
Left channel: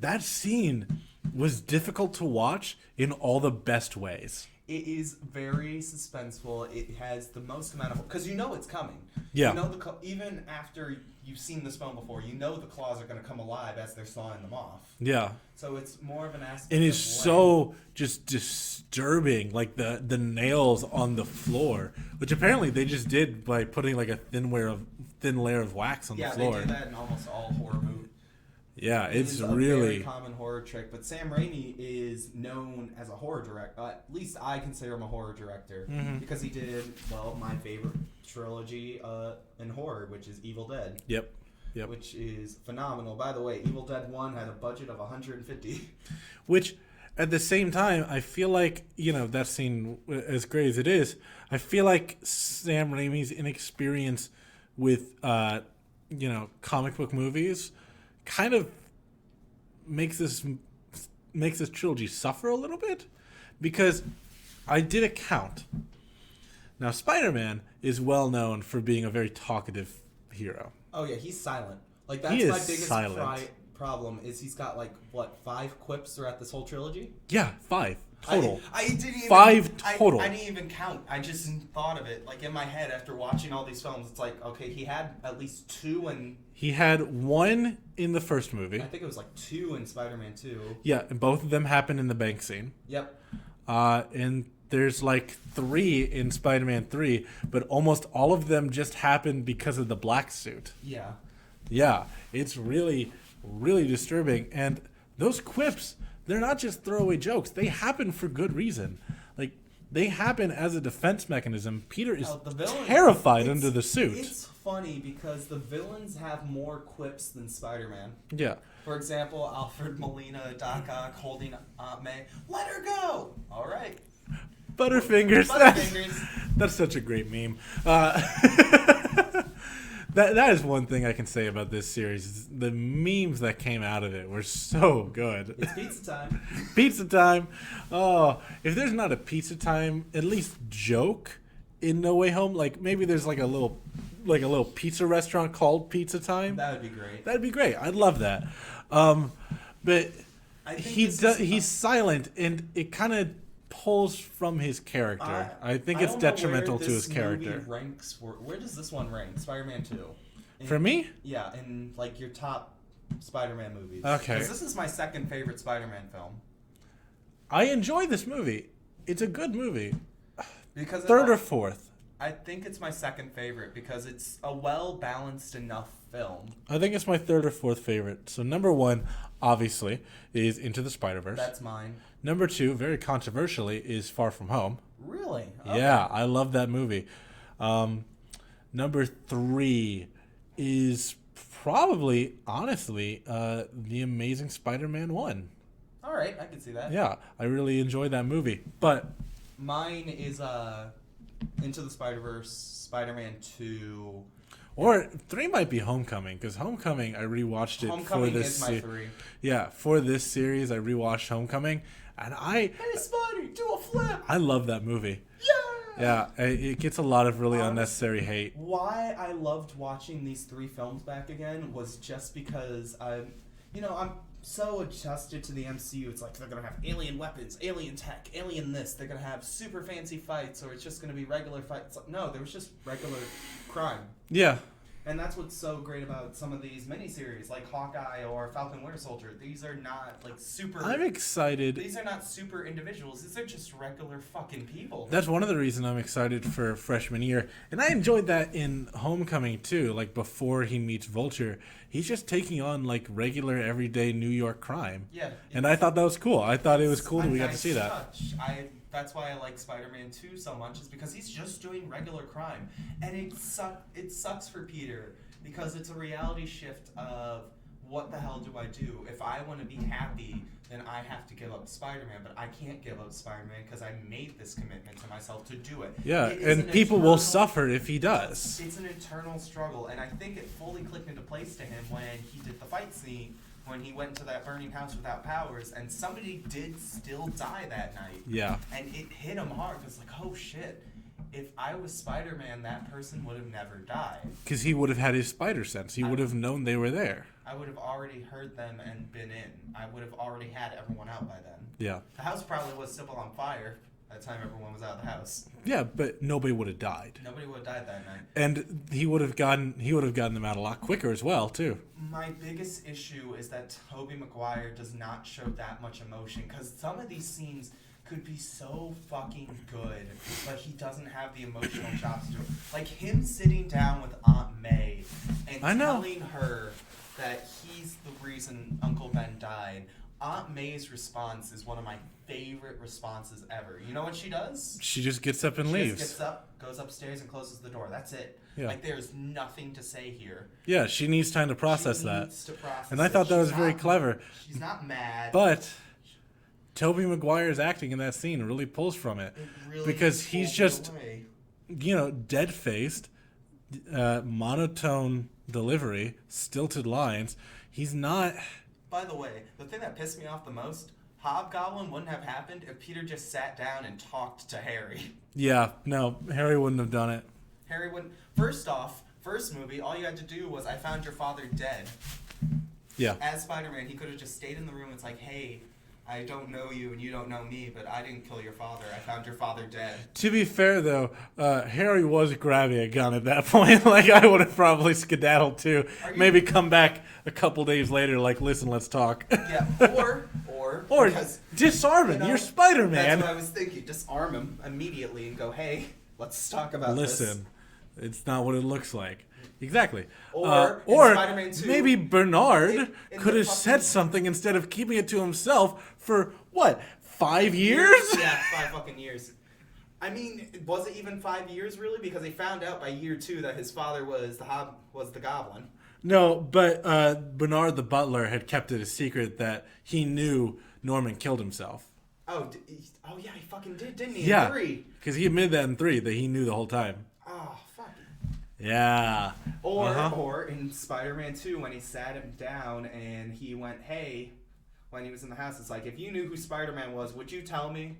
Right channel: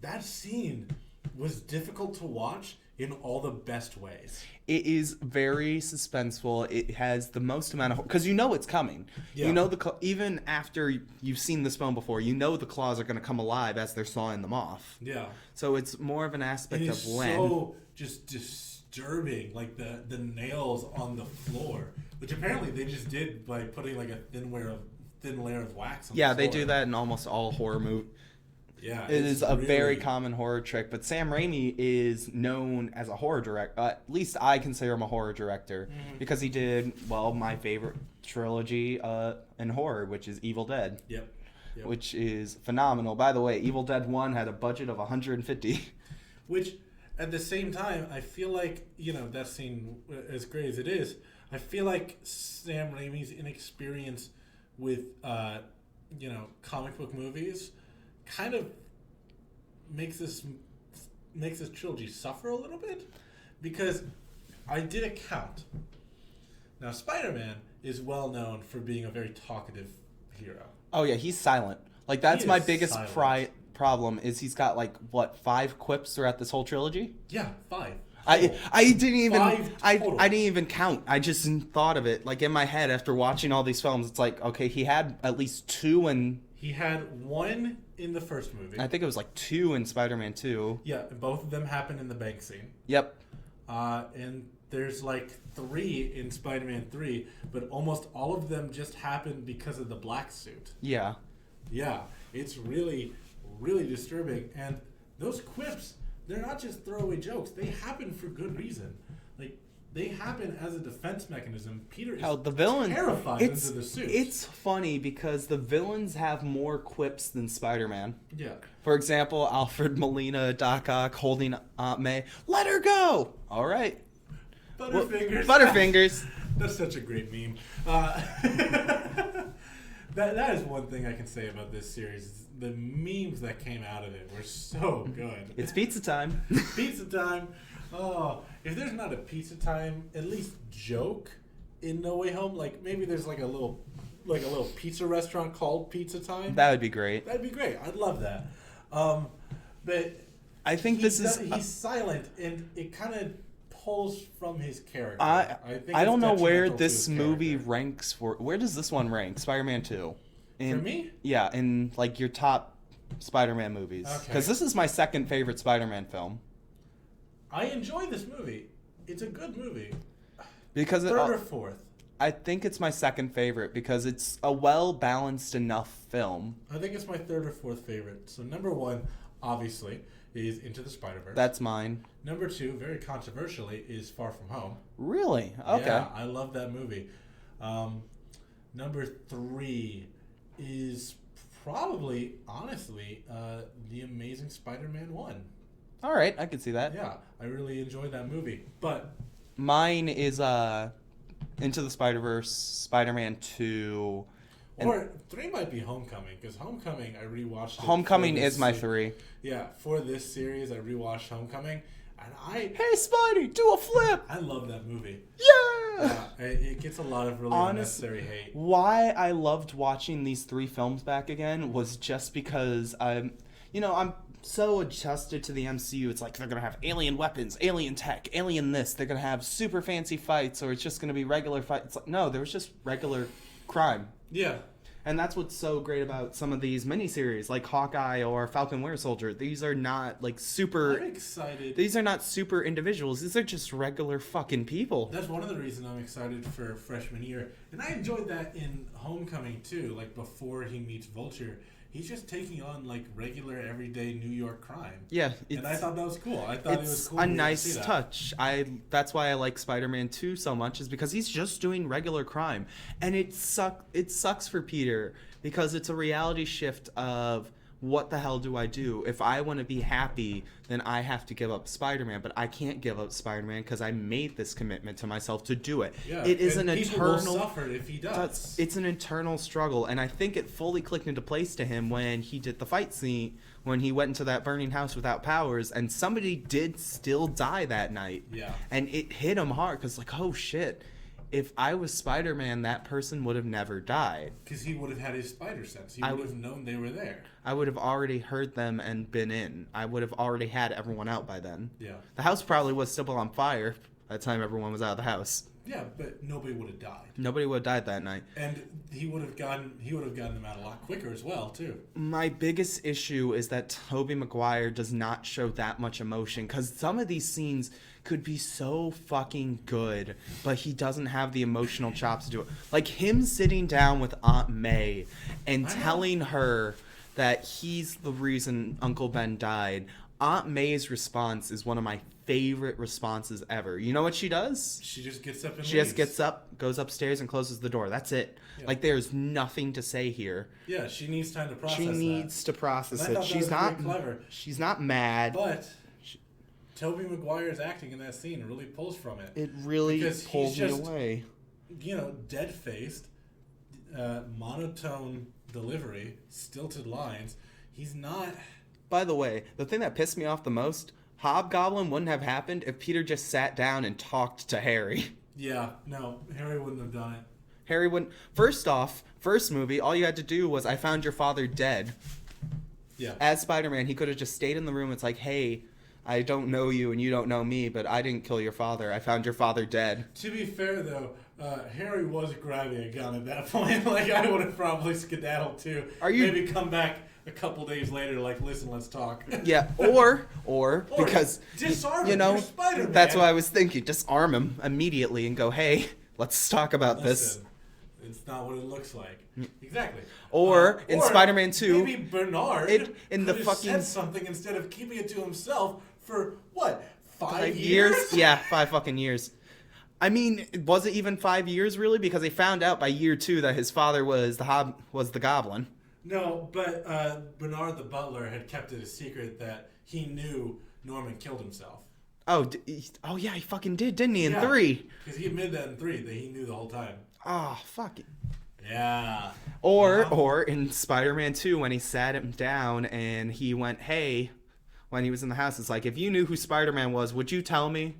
That scene was difficult to watch in all the best ways. It is very suspenseful. It has the most amount of... Because you know it's coming. Yeah. You know, even after you've seen this film before, you know the claws are going to come alive as they're sawing them off. Yeah. So it's more of an aspect And of it's so just disturbing, like the nails on the floor, which apparently they just did by putting like a thin layer of wax on the floor. Yeah, they do that in almost all horror movies. Yeah, It it's is a really very common horror trick, but Sam Raimi is known as a horror director. At least I consider him a horror director because he did, well, my favorite trilogy in horror, which is Evil Dead. Yep. Which is phenomenal. By the way, Evil Dead 1 had a budget of $150. Which, at the same time, I feel like, that scene, as great as it is, I feel like Sam Raimi's inexperience with, comic book movies kind of makes this trilogy suffer a little bit, because I did a count. Now, Spider-Man is well known for being a very talkative hero. Oh yeah, he's silent. Like that's my biggest problem is he's got 5 quips throughout this whole trilogy? Yeah, 5 total. I didn't even 5 total. I didn't even count. I just thought of it in my head after watching all these films. It's like, okay, he had at least 2 in... He had 1 in the first movie. I think it was 2 in Spider-Man 2. Yeah, and both of them happened in the bank scene. Yep. And there's 3 in Spider-Man 3, but almost all of them just happened because of the black suit. Yeah. Yeah, it's really, really disturbing. And those quips, they're not just throwaway jokes. They happen for good reason. They happen as a defense mechanism. Peter is terrified under the suit. It's funny because the villains have more quips than Spider-Man. Yeah. For example, Alfred Molina, Doc Ock holding Aunt May. Let her go! All right. Butterfingers. Butterfingers. That's such a great meme. That is one thing I can say about this series. The memes that came out of it were so good. It's pizza time. Pizza time. Oh, if there's not a pizza time, at least joke in No Way Home. Maybe there's a little pizza restaurant called Pizza Time. That would be great. That'd be great. I'd love that. But I think he's silent, and it kind of pulls from his character. I think it's detrimental to his character. I don't know where this movie ranks for. Where does this one rank? Spider-Man 2. For me? Yeah, in your top Spider-Man movies. Okay. Because this is my second favorite Spider-Man film. I enjoy this movie. It's a good movie. Because third or fourth? I think it's my second favorite because it's a well-balanced enough film. I think it's my third or fourth favorite. So number 1, obviously, is Into the Spider-Verse. That's mine. Number 2, very controversially, is Far From Home. Really? Okay. Yeah, I love that movie. Number 3 is probably, honestly, The Amazing Spider-Man 1. All right, I can see that. Yeah, I really enjoyed that movie. But mine is Into the Spider-Verse, Spider-Man 2. Or 3 might be Homecoming, because Homecoming, I rewatched it. Homecoming is my 3. Yeah, for this series, I rewatched Homecoming, and Hey, Spidey, do a flip! I love that movie. Yeah! Yeah, it gets a lot of really unnecessary hate. Why I loved watching these 3 films back again was just because I'm so adjusted to the MCU. It's they're gonna have alien weapons, alien tech, alien this. They're gonna have super fancy fights, or it's just gonna be regular fights. No, there was just regular crime. Yeah. And that's what's so great about some of these miniseries, like Hawkeye or Falcon Winter Soldier. These are not super... I'm excited. These are not super individuals. These are just regular fucking people. That's one of the reasons I'm excited for freshman year. And I enjoyed that in Homecoming, too. Before he meets Vulture, he's just taking on, regular, everyday New York crime. Yeah. And I thought that was cool. I thought it was cool. A we nice got to see that. touch. That's why I like Spider-Man 2 so much, is because he's just doing regular crime. And it sucks for Peter, because it's a reality shift of what the hell do I do? If I want to be happy, then I have to give up Spider-Man, but I can't give up Spider-Man because I made this commitment to myself to do it. Yeah, it is and people will suffer if he does. It's an internal struggle, and I think it fully clicked into place to him when he did the fight scene, when he went into that burning house without powers, and somebody did still die that night. Yeah. And it hit him hard, because like, oh shit, if I was Spider-Man, that person would have never died. Because he would have had his spider sense. He would have known they were there. I would have already heard them and been in. I would have already had everyone out by then. Yeah. The house probably was still on fire by the time everyone was out of the house. Yeah, but nobody would have died. Nobody would have died that night. And he would have gotten them out a lot quicker as well, too. My biggest issue is that Tobey Maguire does not show that much emotion, because some of these scenes could be so fucking good, but he doesn't have the emotional chops to do it. Like him sitting down with Aunt May and telling her that he's the reason Uncle Ben died. Aunt May's response is one of my favorite responses ever. You know what she does? She just gets up and She leaves. just gets up, goes upstairs, and closes the door. That's it. Yeah. Like, there's nothing to say here. Yeah, she needs time to process that. She needs to process it. And I thought that was very clever. She's not mad. But Tobey Maguire's acting in that scene really pulls from it. It really because he's just, away. Dead-faced, monotone delivery, stilted lines. He's not... By the way, the thing that pissed me off the most, Hobgoblin wouldn't have happened if Peter just sat down and talked to Harry. Yeah, no, Harry wouldn't have done it. Harry wouldn't... First off, first movie, all you had to do was, I found your father dead. Yeah. As Spider-Man, he could have just stayed in the room. It's like, hey, I don't know you and you don't know me, but I didn't kill your father. I found your father dead. To be fair, though, Harry was grabbing a gun at that point. Like, I would have probably skedaddled, too. Maybe come back a couple days later, like, listen, let's talk. Yeah, or because... disarm him, you're Spider-Man. That's what I was thinking. Disarm him immediately and go, hey, let's talk about this. Listen, it's not what it looks like. Exactly. Or in Spider-Man 2... maybe Bernard could have fucking... said something instead of keeping it to himself for, what, 5 years? Yeah, 5 fucking years. I mean, was it even 5 years, really? Because they found out by year 2 that his father was the Goblin. No, but Bernard the butler had kept it a secret that he knew Norman killed himself. Oh yeah, he fucking did, didn't he, in 3? Because he admitted that in 3, that he knew the whole time. Oh, fuck it. Yeah. Or in Spider-Man 2, when he sat him down and he went, hey, when he was in the house, it's like, if you knew who Spider-Man was, would you tell me?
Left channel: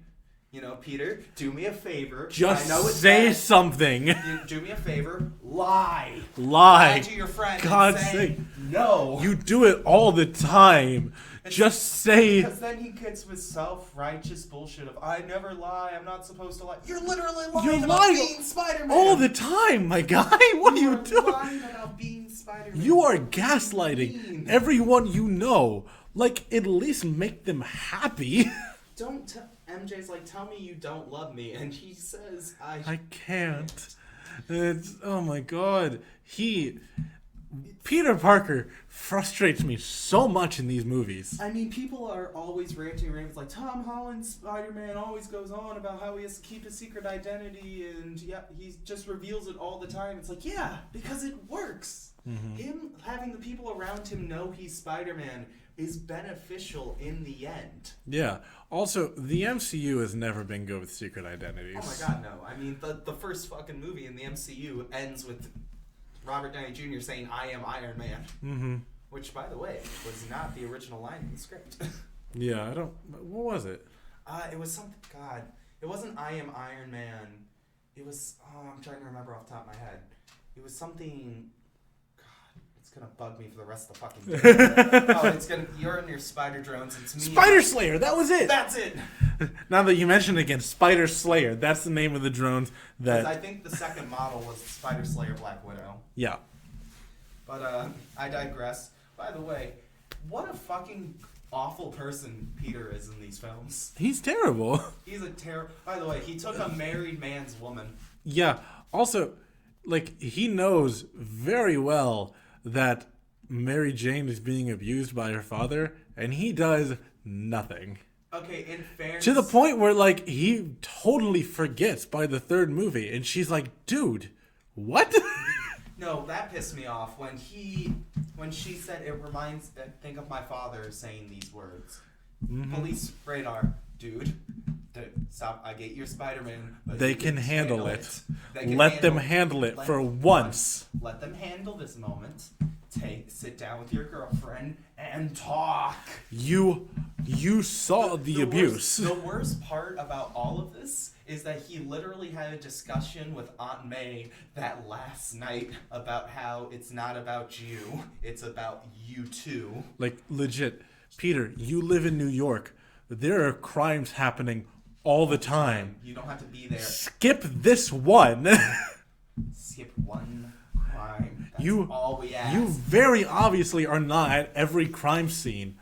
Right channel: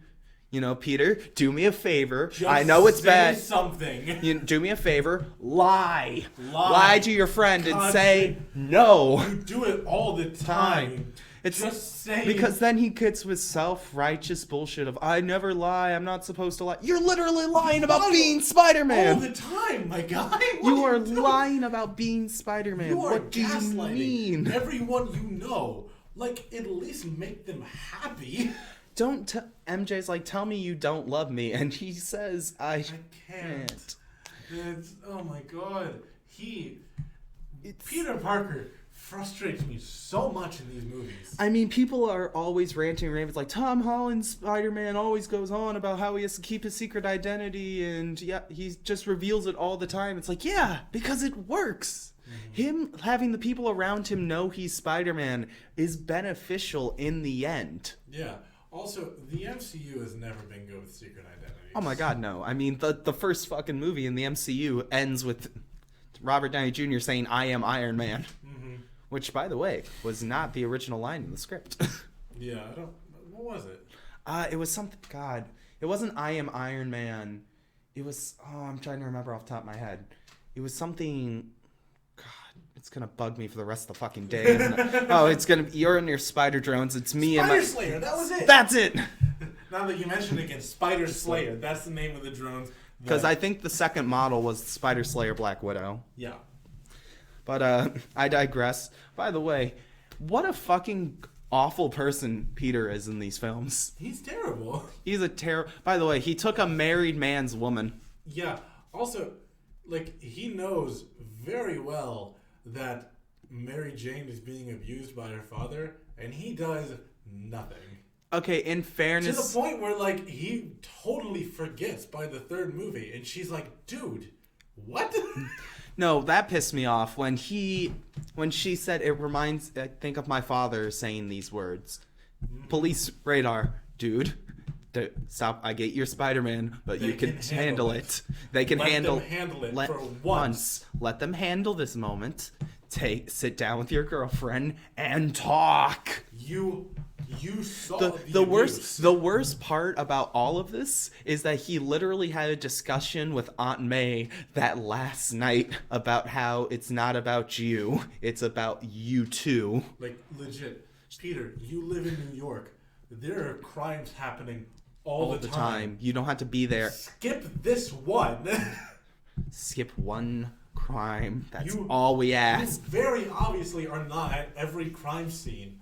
Peter, do me a favor. Just I know it's say bad. something. Do me a favor. Lie. Lie. Lie to your friend and say no. You do it all the time. Just say... Because then he gets with self-righteous bullshit of, I never lie, I'm not supposed to lie. You're literally lying about being Spider-Man. All the time, my guy. What are you doing? Lying about being Spider-Man. You are gaslighting everyone you know. Like, at least make them happy. MJ's like, tell me you don't love me. And he says, I can't. It's, oh my god. Peter Parker frustrates me so much in these movies. I mean, people are always ranting and raving. It's like, Tom Holland's Spider-Man always goes on about how he has to keep his secret identity, and yeah, he just reveals it all the time. It's like, yeah, because it works. Mm-hmm. Him having the people around him know he's Spider-Man is beneficial in the end. Yeah. Also, the MCU has never been good with secret identities. Oh my god, no. I mean, the first fucking movie in the MCU ends with Robert Downey Jr. saying, I am Iron Man. Mm-hmm. Which, by the way, was not the original line in the script. Yeah, what was it? It was something, God. It wasn't I am Iron Man. It was, I'm trying to remember off the top of my head. It was something, God, it's going to bug me for the rest of the fucking day. You're in your spider drones. It's me. Spider Slayer, that was it. That's it. Now that you mention it again, Spider Slayer, that's the name of the drones. Because I think the second model was Spider Slayer Black Widow. Yeah. But I digress. By the way, what a fucking awful person Peter is in these films. He's terrible. He's a By the way, he took a married man's woman. Yeah. Also, like, he knows very well that Mary Jane is being abused by her father, and he does nothing. Okay, in fairness... To the point where, like, he totally forgets by the third movie, and she's like, dude, what? No, that pissed me off when she said it reminds. I think of my father saying these words. Police radar, dude. Stop! I get your Spider-Man, but They you can handle it. They can Let them handle it for once. Let them handle this moment. Sit down with your girlfriend and talk. You saw the abuse. The worst part about all of this is that he literally had a discussion with Aunt May that last night about how it's not about you, it's about you too. Like, legit. Peter, you live in New York. There are crimes happening all the time. You don't have to be there. Skip this one. Skip one crime. That's You- all we You ask. very obviously are not at every crime scene.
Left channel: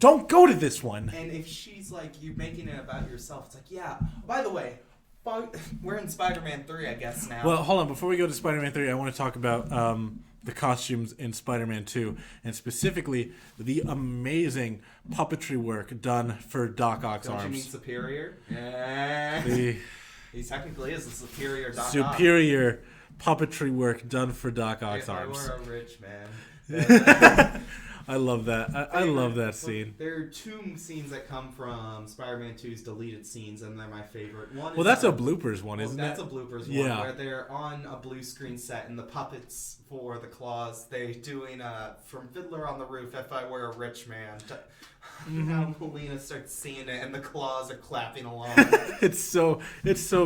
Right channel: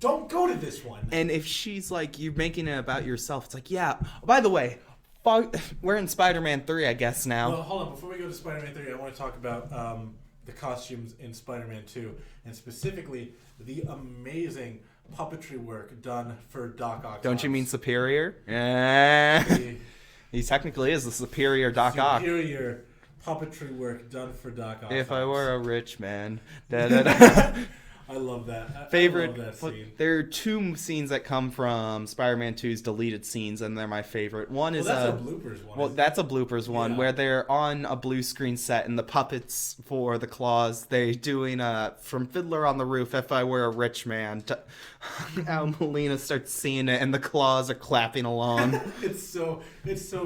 Don't go to this one. And if she's like, you're making it about yourself, it's like, yeah. By the way, we're in Spider-Man 3, I guess, now. Well, hold on. Before we go to Spider-Man 3, I want to talk about the costumes in Spider-Man 2, and specifically the amazing puppetry work done for Doc Ock's Don't you arms. mean Superior? The He technically is the Superior Doc Ock. superior puppetry work done for Doc Ock's If I arms. were a rich man. I love that. I love that scene. There are two scenes that come from Spider-Man 2's deleted scenes, and they're my favorite. One is Well, that's a bloopers one, Well, isn't that's it? a bloopers one Yeah. where they're on a blue screen set, and the puppets for the claws, they're doing from Fiddler on the Roof, If I Were a Rich Man. Now Melina starts singing it, and the claws are clapping along. It's so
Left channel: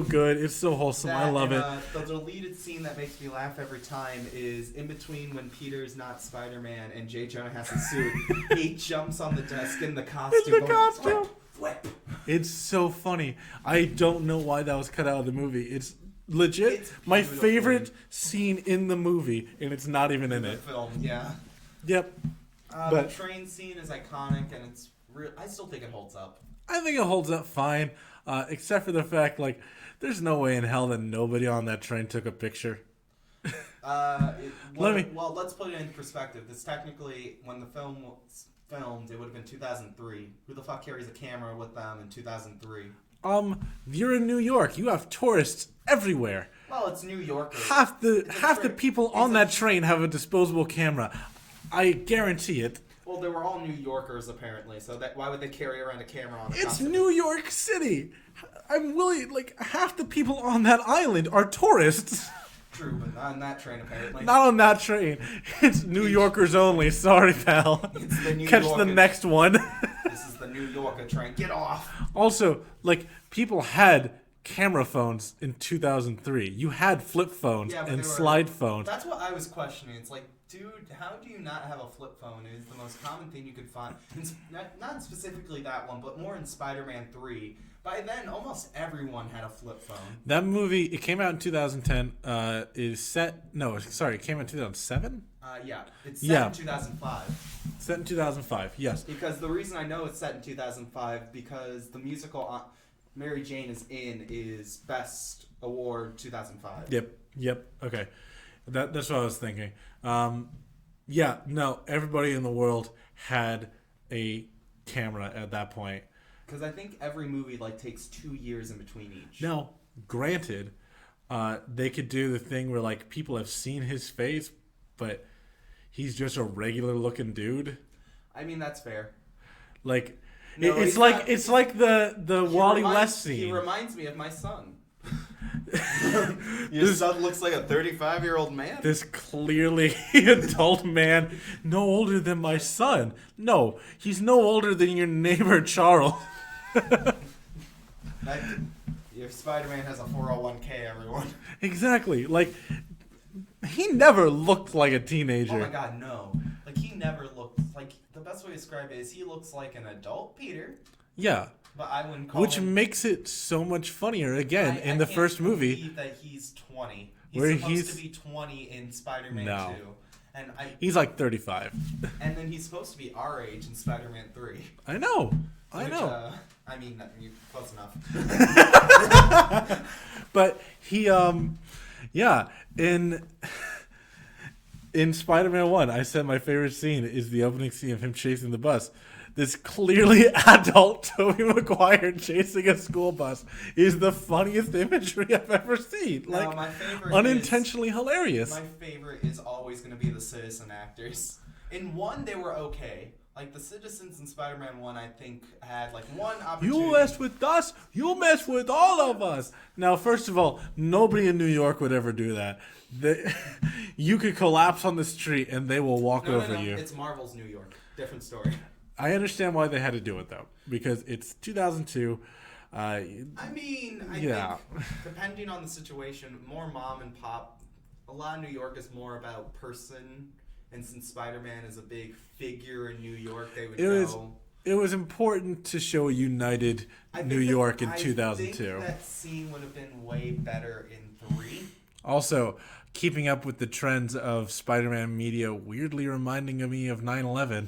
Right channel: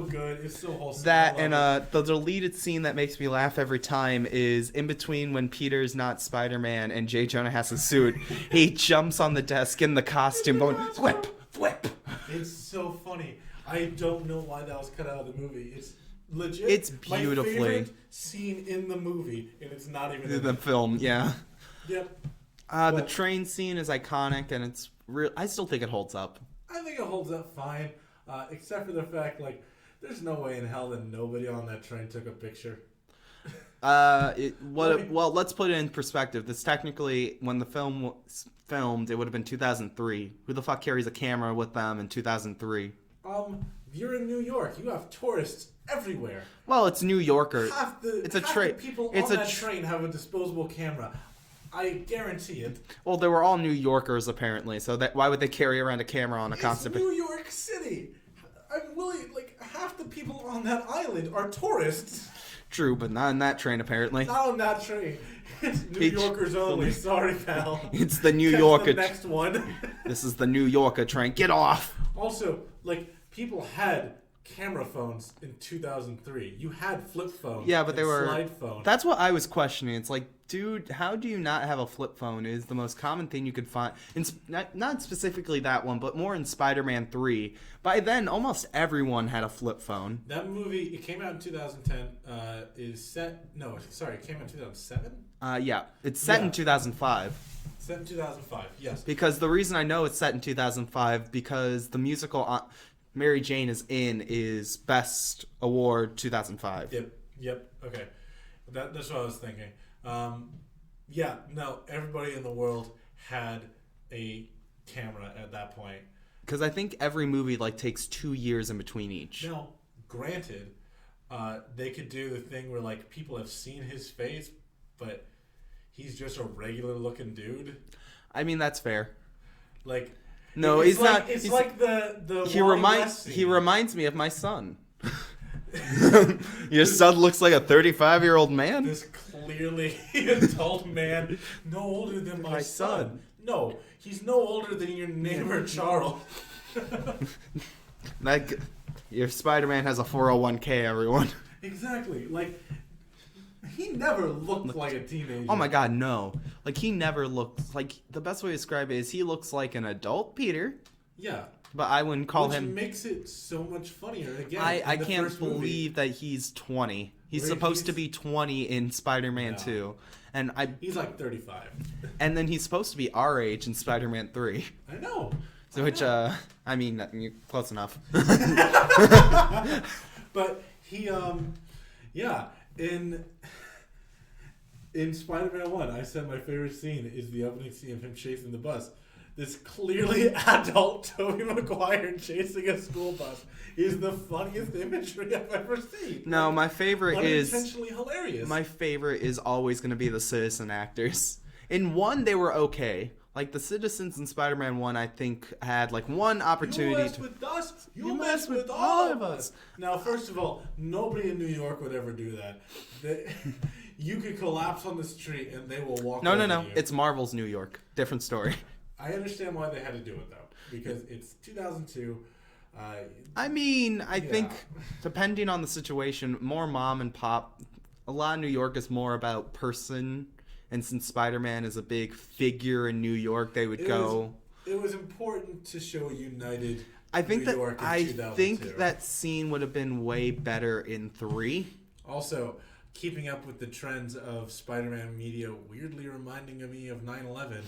good. It's so wholesome. I That love and it. the deleted scene that makes me laugh every time is in between when Peter's not Spider-Man and J. Jonah has his suit. He jumps on the desk in the costume. In the going, costume. Flip. It's so funny. I don't know why that was cut out of the movie. It's legit. It's my beautifully- favorite scene in the movie, and it's not even in The it. film, yeah. Yep. The But- train scene is iconic, and it's real. I still think it holds up. I think it holds up fine, except for the fact, like, there's no way in hell that nobody on that train took a picture. Well, let's put it in perspective. This technically, when the film was filmed, it would have been 2003. Who the fuck carries a camera with them in 2003? You're in New York. You have tourists everywhere. Well, it's New Yorker. Half the train. people It's on a that train have a disposable camera. I guarantee it. Well, they were all New Yorkers apparently. So why would they carry around a camera on a It's constant? New York City. I'm willing. Like, half the people on that island are tourists. True, but not in that train apparently. Not on that train. It's New Yorkers only. Sorry, pal. It's the New Catch Yorker. the next one. This is the New Yorker train. Get off. Also, like, people had camera phones in 2003. You had flip phones Yeah, but and they were slide phones. That's what I was questioning. It's like, dude, how do you not have a flip phone? It is the most common thing you could find. Not specifically that one, but more in Spider-Man 3. By then, almost everyone had a flip phone. That movie, it came out in 2010. It came out in 2007? Yeah, it's set Yeah. in 2005. Set in 2005, yes. Because the reason I know it's set in 2005 because the musical Mary Jane is Best Award 2005. Yep, okay. That's what I was thinking. Everybody in the world had a camera at that point. Because I think every movie takes 2 years in between each. Now, granted, they could do the thing where people have seen his face, but he's just a regular looking dude. I mean, that's fair. Like, No, it's he's like not- it's like the Wally West scene. He reminds me of my son. Your son looks like a 35-year-old man. This clearly adult man, no older than my son. No, he's no older than your neighbor Charles. Your Spider-Man has a 401k, everyone. Exactly. Like, he never looked like a teenager. Oh my god, no. He never looked the best way to describe it is he looks like an adult Peter, Yeah. but I wouldn't call Which him. makes it so much funnier again in the can't first movie. believe that he's 20. He's Where supposed he's- to be 20 in Spider-Man No. 2. And He's like 35. and then he's supposed to be our age in Spider-Man 3. I know. I mean, you're close enough. But he, in Spider-Man 1, I said my favorite scene is the opening scene of him chasing the bus. this clearly adult Tobey Maguire chasing a school bus is the funniest imagery I've ever seen. No, Like, my favorite unintentionally hilarious. My favorite is always going to be the citizen actors. In one, they were okay. Like, the citizens in Spider-Man 1, I think, had, like, one opportunity. You mess with us, you mess with all of us. Now, first of all, nobody in New York would ever do that. You could collapse on the street and they will walk over you. No. It's Marvel's New York. Different story. I understand why they had to do it, though. Because it's 2002. I think, depending on the situation, more mom and pop. A lot of New York is more about person. And since Spider-Man is a big figure in New York, they would go... It was important to show a united New York in 2002. I think that scene would have been way better in 3. Also, keeping up with the trends of Spider-Man media, weirdly reminding me of 9/11.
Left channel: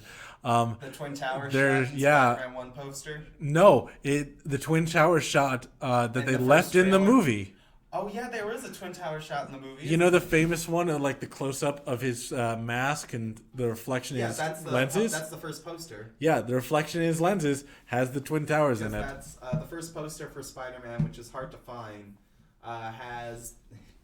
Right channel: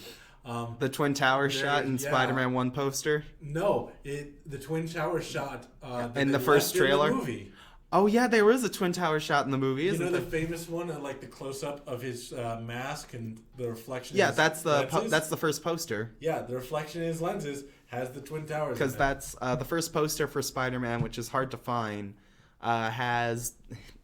The Twin Towers shot in Spider-Man 1 poster? No, the Twin Towers shot that they left in the movie. Oh, yeah, there was a Twin Tower shot in the movie. You know the famous one, like the close-up of his mask and the reflection in his lenses? that's the first poster. Yeah, the reflection in his lenses has the Twin Towers in it. Because that's the first poster for Spider-Man, which is hard to find, has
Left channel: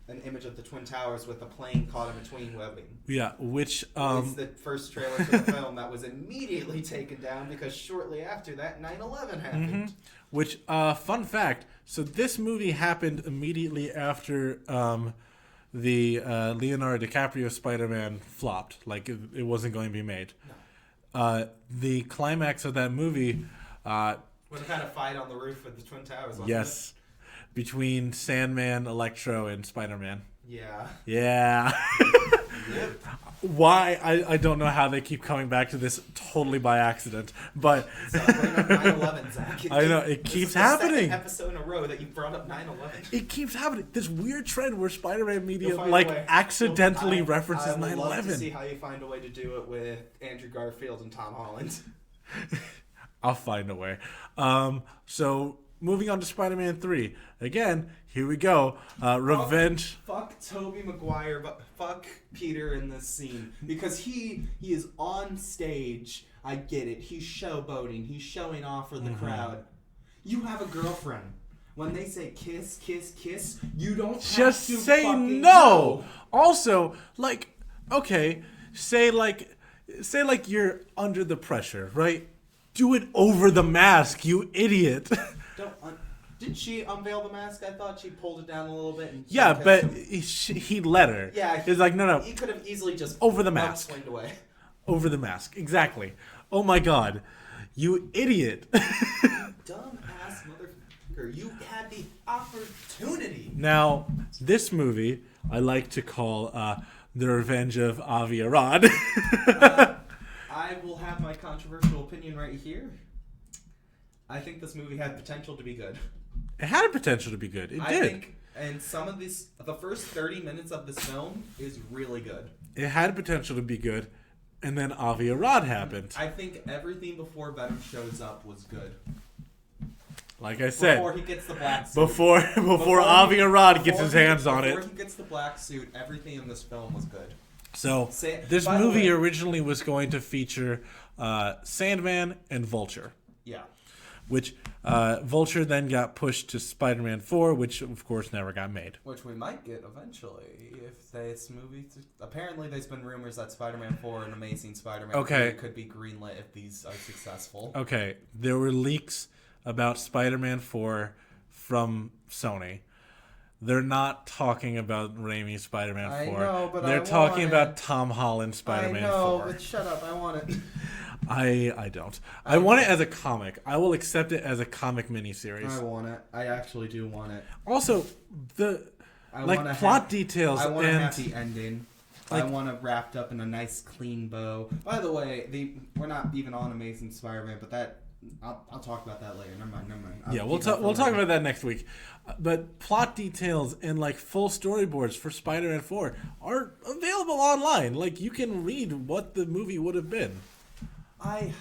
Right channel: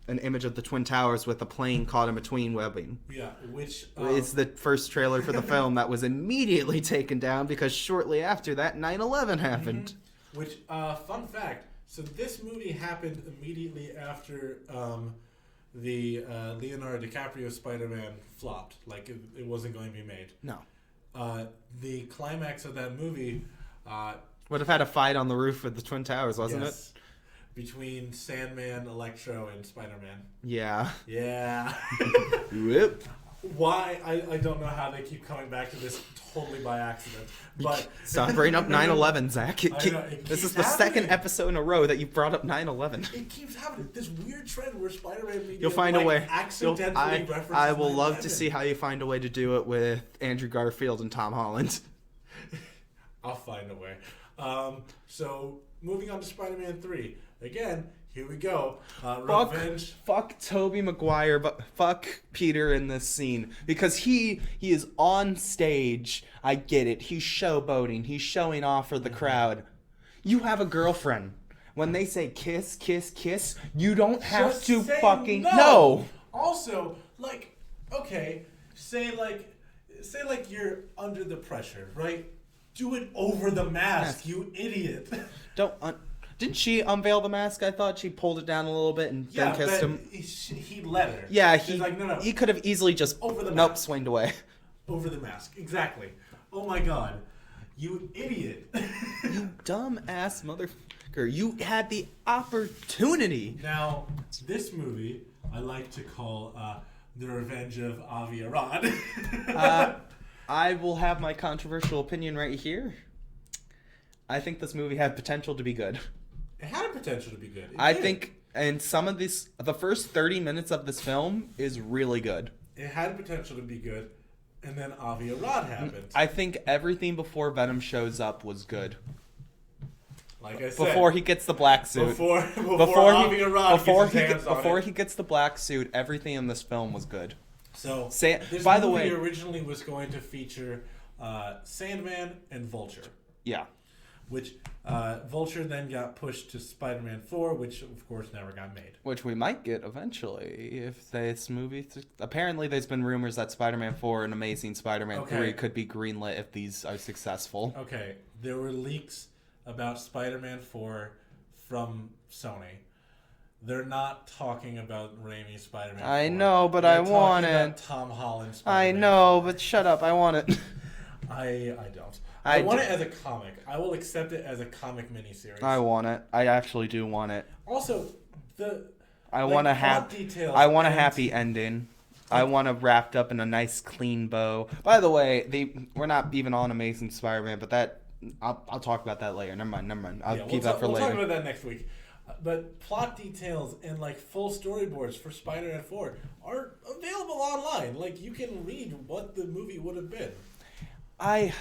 an image of the Twin Towers with a plane caught in between webbing. Yeah, which... it's the first trailer for the film that was immediately taken down because shortly after that, 9/11 happened. Mm-hmm. Which, fun fact... So this movie happened immediately after the Leonardo DiCaprio Spider-Man flopped. Like, it wasn't going to be made. No. The climax of that movie... would have had a fight on the roof of the Twin Towers, wasn't it? Yes. Between Sandman, Electro, and Spider-Man. Yeah. Yeah. Yep. Why? I don't know how they keep coming back to this totally by accident. But stop bringing up 9/11, Zach. I know, it keeps happening. This is the second episode in a row that you brought up 9/11. It keeps happening. This weird trend where Spider-Man media I accidentally references 9/11. will love to see how you find a way to do it with Andrew Garfield and Tom Holland. I'll find a way. So moving on to Spider-Man 3. Again, here we go. Revenge. Fuck Tobey Maguire, but fuck Peter in this scene. Because he is on stage. I get it. He's showboating. He's showing off for the crowd. You have a girlfriend. When they say kiss, kiss, kiss, you don't have just to say fucking no. Also, like, okay, say like you're under the pressure, right? Do it over the mask, you idiot. Didn't she unveil the mask? I thought she pulled it down a little bit and yeah, but him. He let her. Yeah, he's like no. He could have easily just over the mask, swinged away. Over the mask, exactly. Oh my god, you idiot! You dumb ass motherfucker! You had the opportunity. Now, this movie I like to call The Revenge of Aviarad. I will have my controversial opinion right here. I think this movie had potential to be good. It had a potential to be good. I think, and the first 30 minutes of this film is really good. It had potential to be good, and then Aviarad happened. I think everything before Venom shows up was good. Like I said, before he gets the black suit. Before Aviarad gets his hands on it. Before he gets the black suit, everything in this film was good. So, this movie originally was going to feature Sandman and Vulture. Yeah. Which Vulture then got pushed to Spider-Man 4, which of course never got made. Which we might get eventually if this movie... Apparently there's been rumors that Spider-Man 4 and Amazing Spider-Man 3 could be greenlit if these are successful. Okay, there were leaks about Spider-Man 4 from Sony. They're not talking about Raimi Spider-Man 4. I know, but They're talking about Tom Holland Spider-Man 4. I know, but shut up. I want it. I don't. I want it as a comic. I will accept it as a comic miniseries. I want it. I actually do want it. Also, plot details. I want a happy ending. I want it wrapped up in a nice, clean bow. By the way, we're not even on Amazing Spider-Man, but that I'll talk about that later. Never mind. We'll talk about that next week. But plot details and full storyboards for Spider-Man 4 are available online. You can read what the movie would have been. I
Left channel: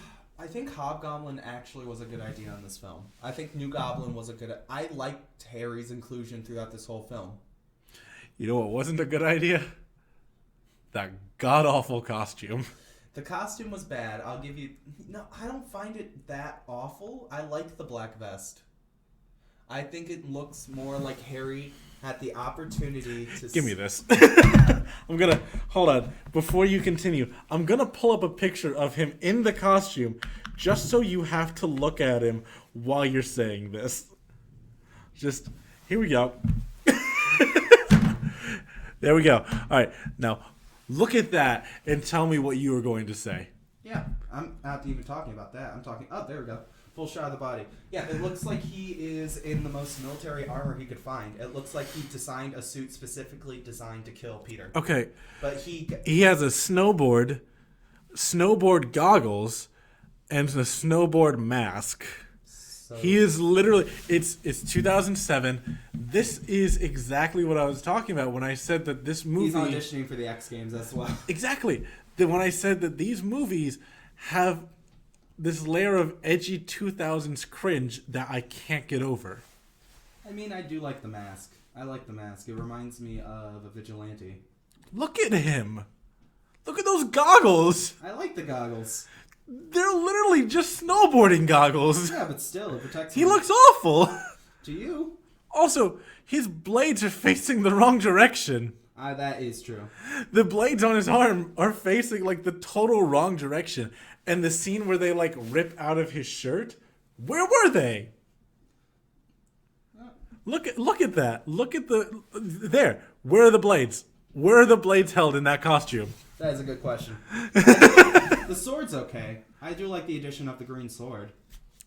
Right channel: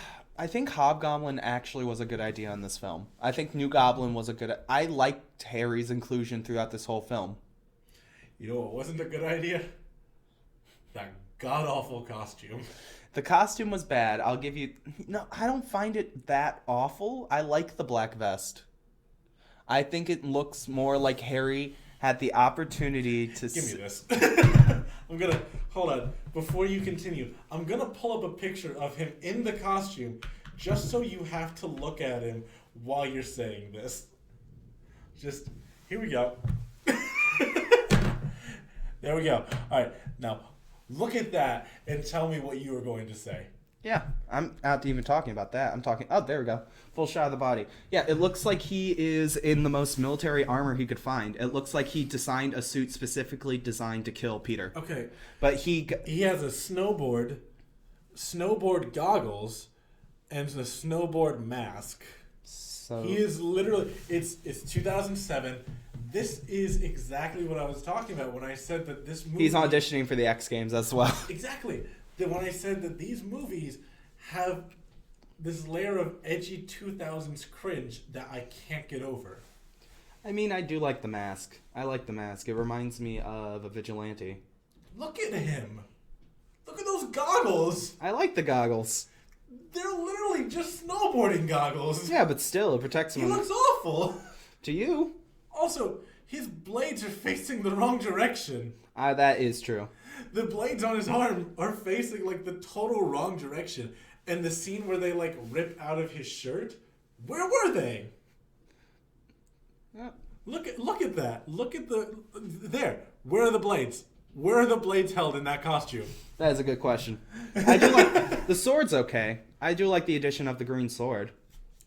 think Hobgoblin actually was a good idea in this film. I think New Goblin was a good... I liked Harry's inclusion throughout this whole film. You know what wasn't a good idea? That god-awful costume. The costume was bad. I'll give you... No, I don't find it that awful. I like the black vest. I think it looks more like Harry had the opportunity to... Give me this. I'm gonna... Hold on. Before you continue, I'm gonna pull up a picture of him in the costume just so you have to look at him while you're saying this. Just... Here we go. There we go. All right. Now... Look at that and tell me what you were going to say. Yeah, I'm not even talking about that. I'm talking... Oh, there we go. Full shot of the body. Yeah, it looks like he is in the most military armor he could find. It looks like he designed a suit specifically designed to kill Peter. Okay. But he has a snowboard goggles, and a snowboard mask. So... He is literally... It's 2007. This is exactly what I was talking about when I said that this movie... He's auditioning for the X Games as well. Exactly. When I said that these movies have this layer of edgy 2000s cringe that I can't get over. I mean, I do like the mask. I like the mask. It reminds me of a vigilante. Look at him. Look at those goggles. I like the goggles. They're literally just snowboarding goggles. Yeah, but still, it protects him. He looks awful. To you. Also, his blades are facing the wrong direction. That is true. The blades on his arm are facing like the total wrong direction. And the scene where they like rip out of his shirt, where were they? Look at that. Look at there. Where are the blades? Where are the blades held in that costume? That is a good question. The sword's okay. I do like the addition of the green sword.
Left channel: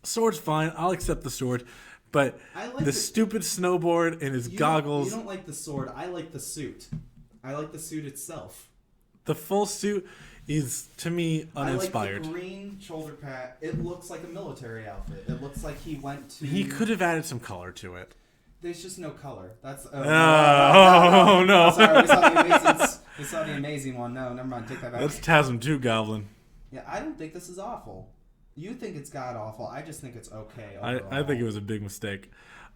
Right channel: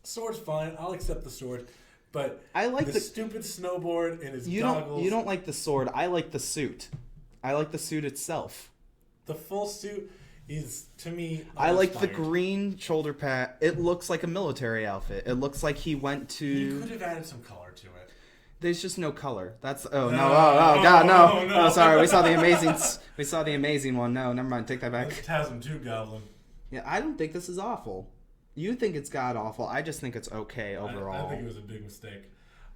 Sword's fine. I'll accept the sword. But I like the stupid snowboard and his goggles... You don't like the sword. I like the suit. I like the suit itself. The full suit is, to me, uninspired. I like the green shoulder pad. It looks like a military outfit. It looks like he went to... He could have added some color to it. There's just no color. That's... No. Oh, sorry, we saw the amazing one. No, never mind. Take that back. That's TASM 2 Goblin. Yeah, I don't think this is awful. You think it's god-awful. I just think it's okay overall. I think it was a big mistake.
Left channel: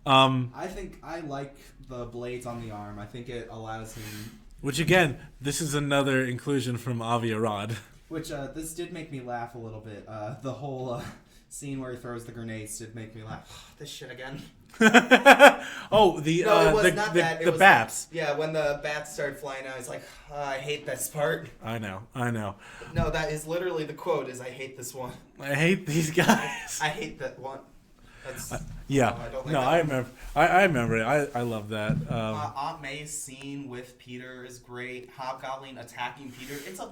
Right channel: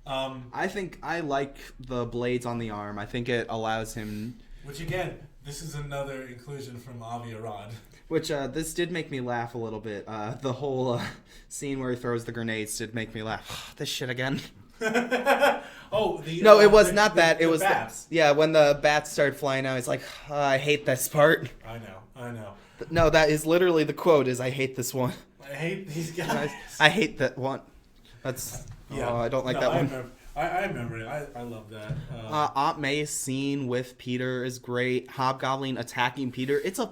I think I like the blades on the arm. I think it allows him... Which, again, this is another inclusion from Aviarad. Which, this did make me laugh a little bit. The whole scene where he throws the grenades did make me laugh. This shit again. No, it was not that. It was bats. When the bats started flying out, it's like, I hate this part. I know. But no, that is literally the quote: "Is I hate this one. I hate these guys. I hate that one." That's I don't like that one. I remember it. I love that. Aunt May's scene with Peter is great. Hobgoblin attacking Peter. It's a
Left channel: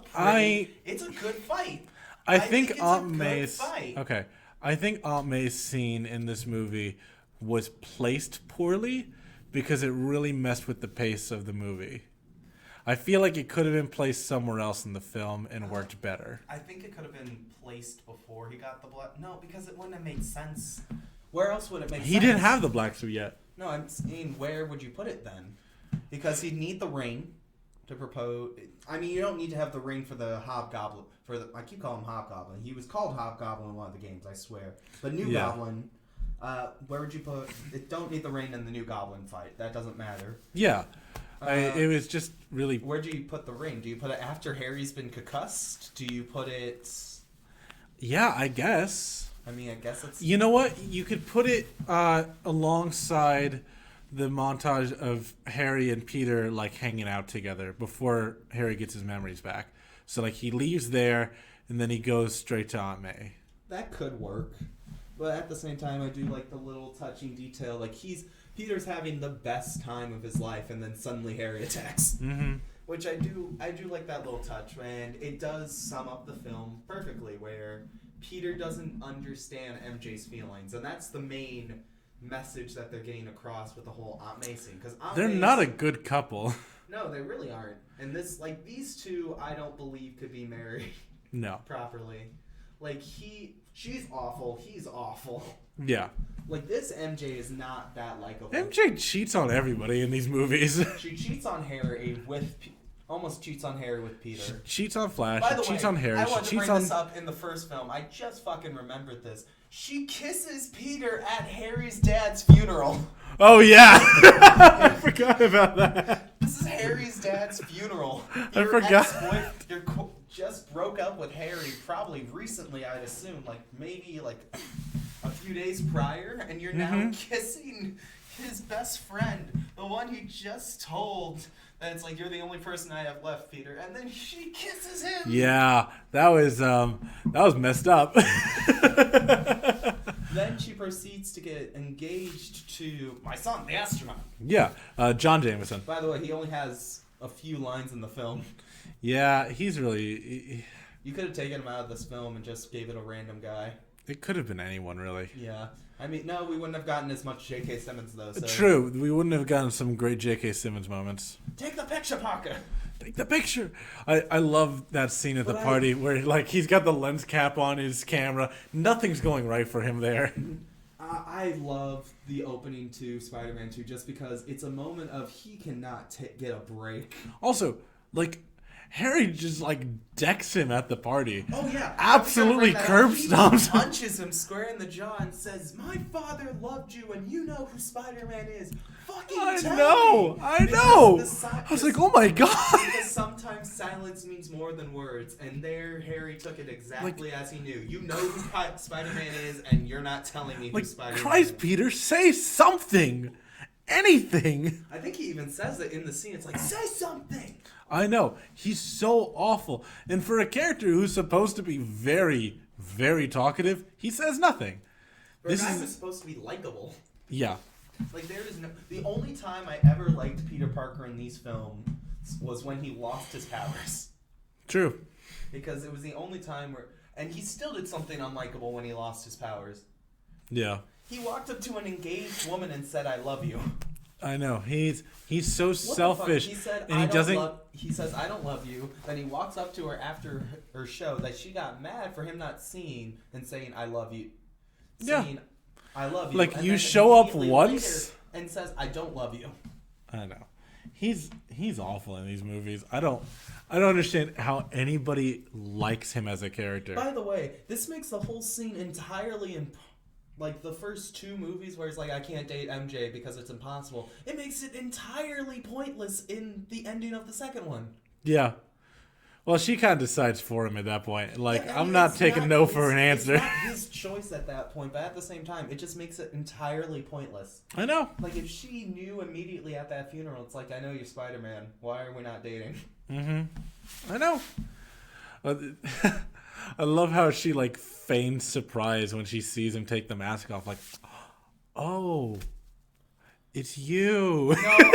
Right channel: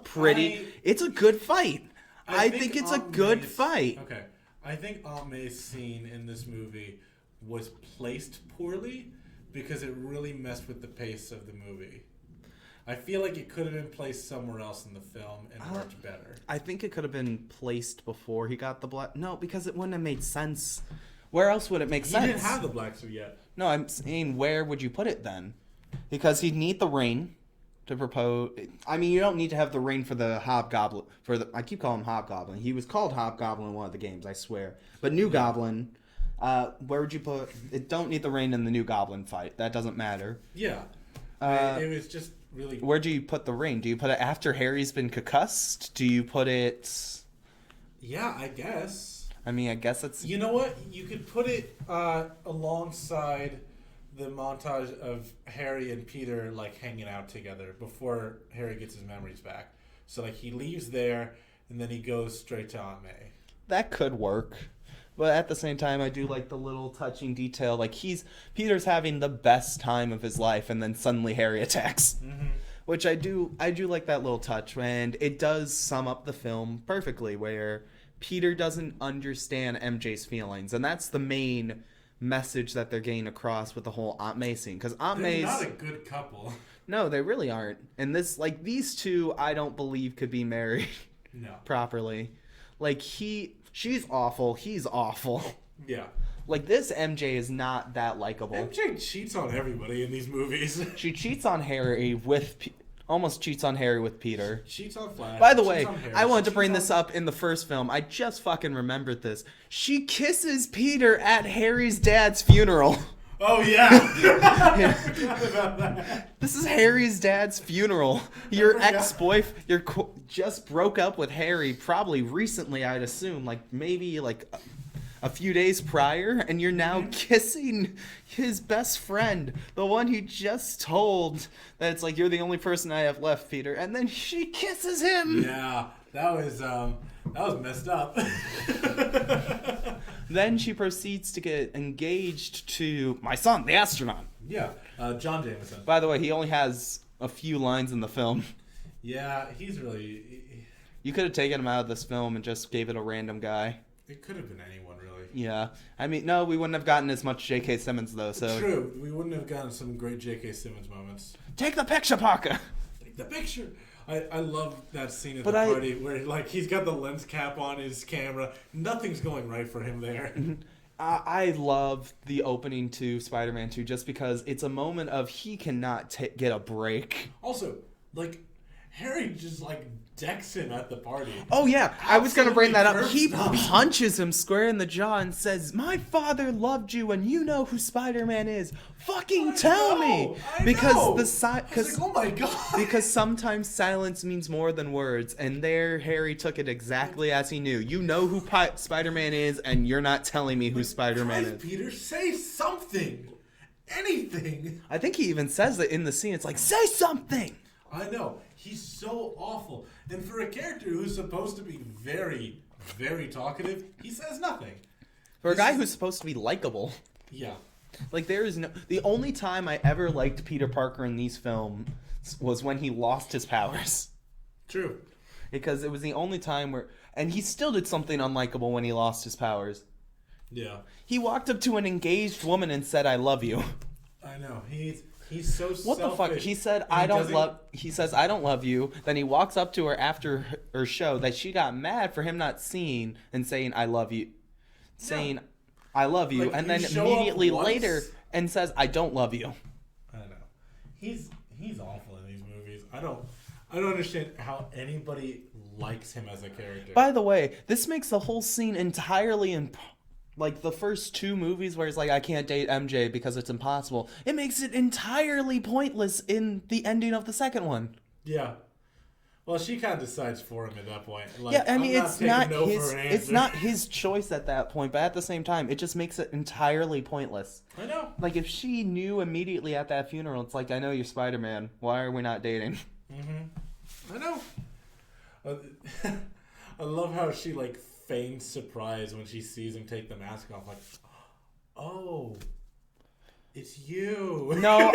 good fight. I think it's a good fight. Okay, I think Aunt May's scene in this movie was placed poorly because it really messed with the pace of the movie. I feel like it could have been placed somewhere else in the film and worked better. I think it could have been placed before he got the black... No, because it wouldn't have made sense. Where else would it make sense? He didn't have the black suit yet. No, I'm saying where would you put it then? Because he'd need the ring to propose... I mean, you don't need to have the ring for the Hobgoblin. I keep calling him Hobgoblin. He was called Hobgoblin in one of the games, I swear. But New Goblin... where would you put it? Don't need the ring in the New Goblin fight. That doesn't matter. Yeah. It was just really... Where do you put the ring? Do you put it after Harry's been concussed? Do you put it... Yeah, I guess. I mean, I guess it's... You know what? You could put it alongside the montage of Harry and Peter, like, hanging out together before Harry gets his memories back. So, like, he leaves there, and then he goes straight to Aunt May. That could work. But at the same time, I do like the little touching detail. Like, Peter's having the best time of his life, and then suddenly Harry attacks. Mm-hmm. Which I do like that little touch, and it does sum up the film perfectly, where Peter doesn't understand MJ's feelings, and that's the main message that they're getting across with the whole Aunt May scene. Because they're not a good couple. No, they really aren't. And these two, I don't believe could be married. No. Properly. Like, she's awful. He's awful. Yeah. Like, this MJ is not that likable. MJ cheats on everybody in these movies. She cheats on Harry almost cheats on Harry with Peter. She cheats on Flash. By the way, cheats on Harry. I wanted to bring this up in the first film. I just fucking remembered this. She kisses Peter at Harry's dad's funeral. Oh yeah, I forgot about that. This is Harry's dad's funeral. Your ex-boyfriend, just broke up with Harry probably recently, I'd assume, like maybe like a few days prior, and you're now kissing his best friend, the one he just told that it's like, you're the only person I have left, Peter, and then she kisses him. Yeah, that was messed up. Then she proceeds to get engaged to my son, the astronaut. Yeah, John Jameson. By the way, he only has a few lines in the film. Yeah, he's really... You could have taken him out of this film and just gave it a random guy. It could have been anyone, really. Yeah. I mean, no, we wouldn't have gotten as much J.K. Simmons, though. So. True. We wouldn't have gotten some great J.K. Simmons moments. Take the picture, Parker! Take the picture! I love that scene at the party where like he's got the lens cap on his camera. Nothing's going right for him there. I love the opening to Spider-Man 2 just because it's a moment of he cannot get a break. Also, like... Harry just, like, decks him at the party. Oh, yeah. Absolutely I was going to bring that up. He stomps. punches him square in the jaw and says, my father loved you and you know who Spider-Man is. Fucking tell me. I know. I was like, oh, my God. Because sometimes silence means more than words. And there, Harry took it exactly as he knew. You know who Spider-Man is and you're not telling me who Spider-Man Christ, is. Peter, say something. Anything. I think he even says that in the scene. It's like, say something. I know. He's so awful. And for a character who's supposed to be very, very talkative, he says nothing. For a guy who's supposed to be likable. Yeah. Like, there is no... The only time I ever liked Peter Parker in these films was when he lost his powers. True. Because it was the only time where... And he still did something unlikable when he lost his powers. Yeah. He walked up to an engaged woman and said, I love you. I know. He's so What selfish. The fuck? He said, He says, I don't love you. Then he walks up to her after her show that she got mad for him not seeing and saying, I love you. Saying, I love you. Like, and you then show up immediately once later and says, I don't love you. I know. He's awful in these movies. I don't understand how anybody likes him as a character. By the way, this makes the whole scene entirely like the first two movies where it's like, I can't date MJ because it's impossible. It makes it entirely pointless in the ending of the second one. Yeah. Well, she kind of decides for him at that point. Like, Yeah, I'm not taking no for an answer. It's not his choice at that point, but at the same time, it just makes it entirely pointless. I know. Like, if she knew immediately at that funeral, it's like, I know you're Spider-Man. Why are we not dating? Mm-hmm. I know. I love how she, like, feigns surprise when she sees him take the mask off. Like, oh, it's you. No,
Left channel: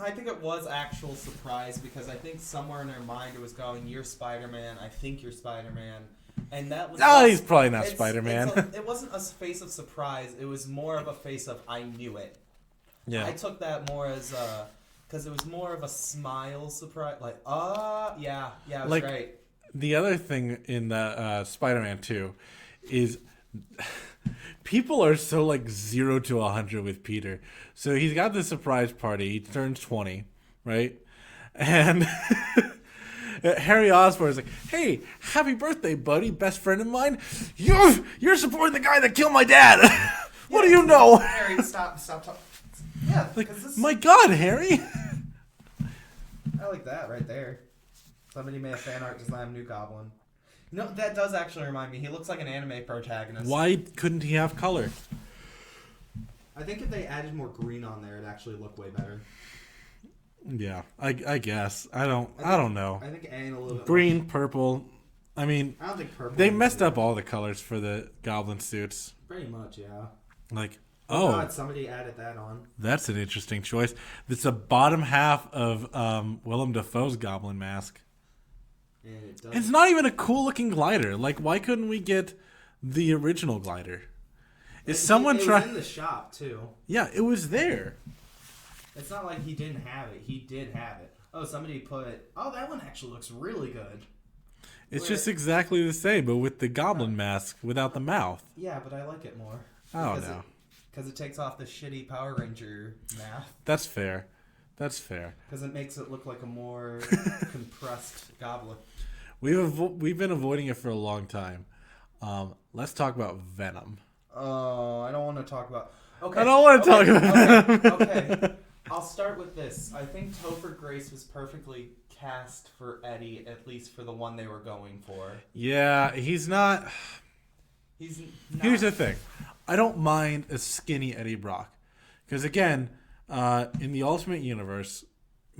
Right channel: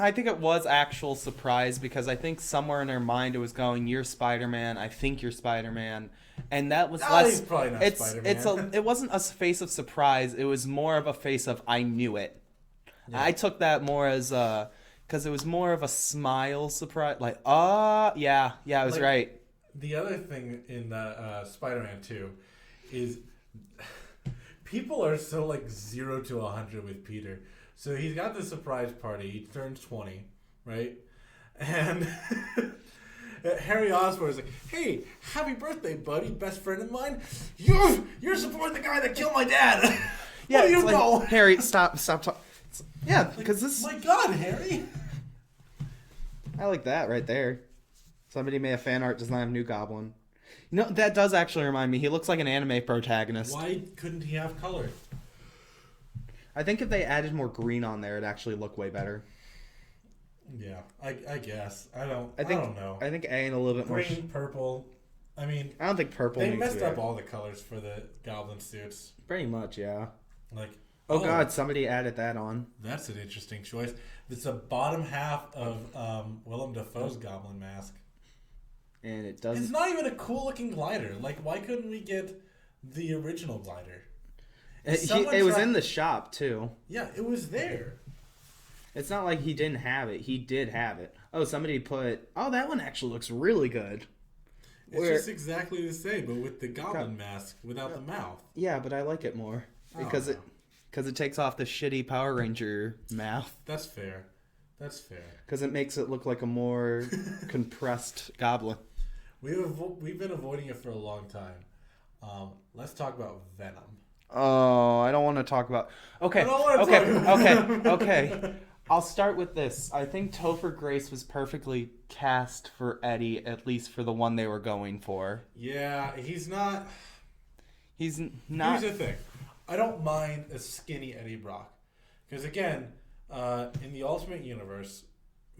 I think it was actual surprise because I think somewhere in her mind it was going, you're Spider-Man, I think you're Spider-Man. And that was he's probably not Spider-Man. It wasn't a face of surprise. It was more of a face of, I knew it. Yeah. I took that more as, because it was more of a smile surprise. Like, yeah, I was right. The other thing in the Spider-Man 2 is people are so like 0 to 100 with Peter. So he's got this surprise party. He turns 20, right? And Harry Osborn is like, "Hey, happy birthday, buddy, best friend of mine. You're supporting the guy that killed my dad. What do you know?" Like, Harry, stop talking. Yeah, because this. My God, Harry. I like that right there. Somebody made a fan art design of New Goblin. No, that does actually remind me. He looks like an anime protagonist. Why couldn't he have color? I think if they added more green on there, it'd actually look way better. Yeah, I guess. I don't know. I think adding a little bit green, purple. I mean, I don't think purple. They messed up all the colors for the Goblin suits. Pretty much, yeah. Like, oh God, somebody added that on. That's an interesting choice. It's the bottom half of Willem Dafoe's Goblin mask. And it does. It's not even a cool looking glider. Like, why couldn't we get the original glider? It was in the shop too. Yeah, it was there. It's not like he didn't have it. He did have it. Oh, somebody put. Oh, that one actually looks really good. It's just exactly the same, but with the Goblin mask without the mouth. Yeah, but I like it more because it takes off the shitty Power Ranger mouth. That's fair. Because it makes it look like a more compressed Goblin. We've been avoiding it for a long time. Let's talk about Venom. Oh, I don't want to talk about. Okay. I don't want to talk about Okay. Okay. I'll start with this. I think Topher Grace was perfectly cast for Eddie, at least for the one they were going for. Yeah, he's not. He's not. Here's the thing. I don't mind a skinny Eddie Brock. Because, again, in the Ultimate Universe,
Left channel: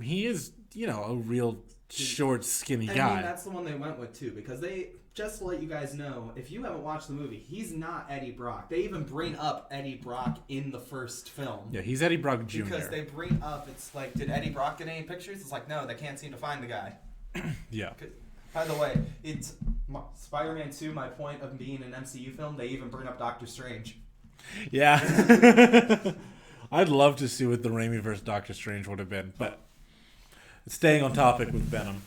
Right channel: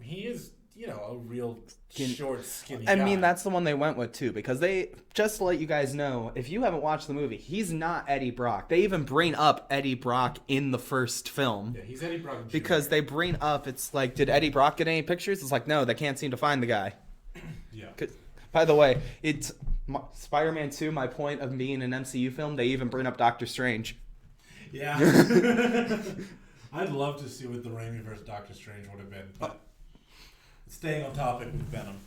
he is, a real short, skinny guy. I mean, that's the one they went with, too. Because they, just to let you guys know, if you haven't watched the movie, he's not Eddie Brock. They even bring up Eddie Brock in the first film. Yeah, he's Eddie Brock Jr. Because they bring up, it's like, did Eddie Brock get any pictures? It's like, no, they can't seem to find the guy. Yeah. By the way, it's Spider-Man 2, my point of being an MCU film, they even bring up Doctor Strange. Yeah. I'd love to see what the Raimi versus Doctor Strange would have been, but staying on topic with Venom.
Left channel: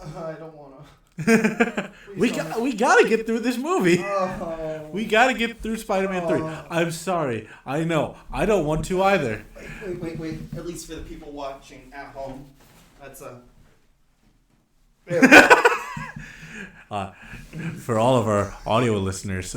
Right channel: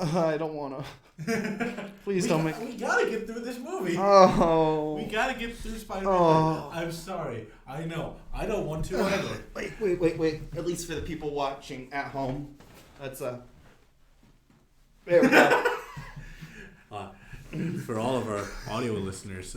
I don't want to. We gotta get through this movie. Oh. We gotta get through Spider-Man 3. I'm sorry. I know. I don't want to either. Wait. At least for the people watching at home. That's There we go. For all of our audio listeners,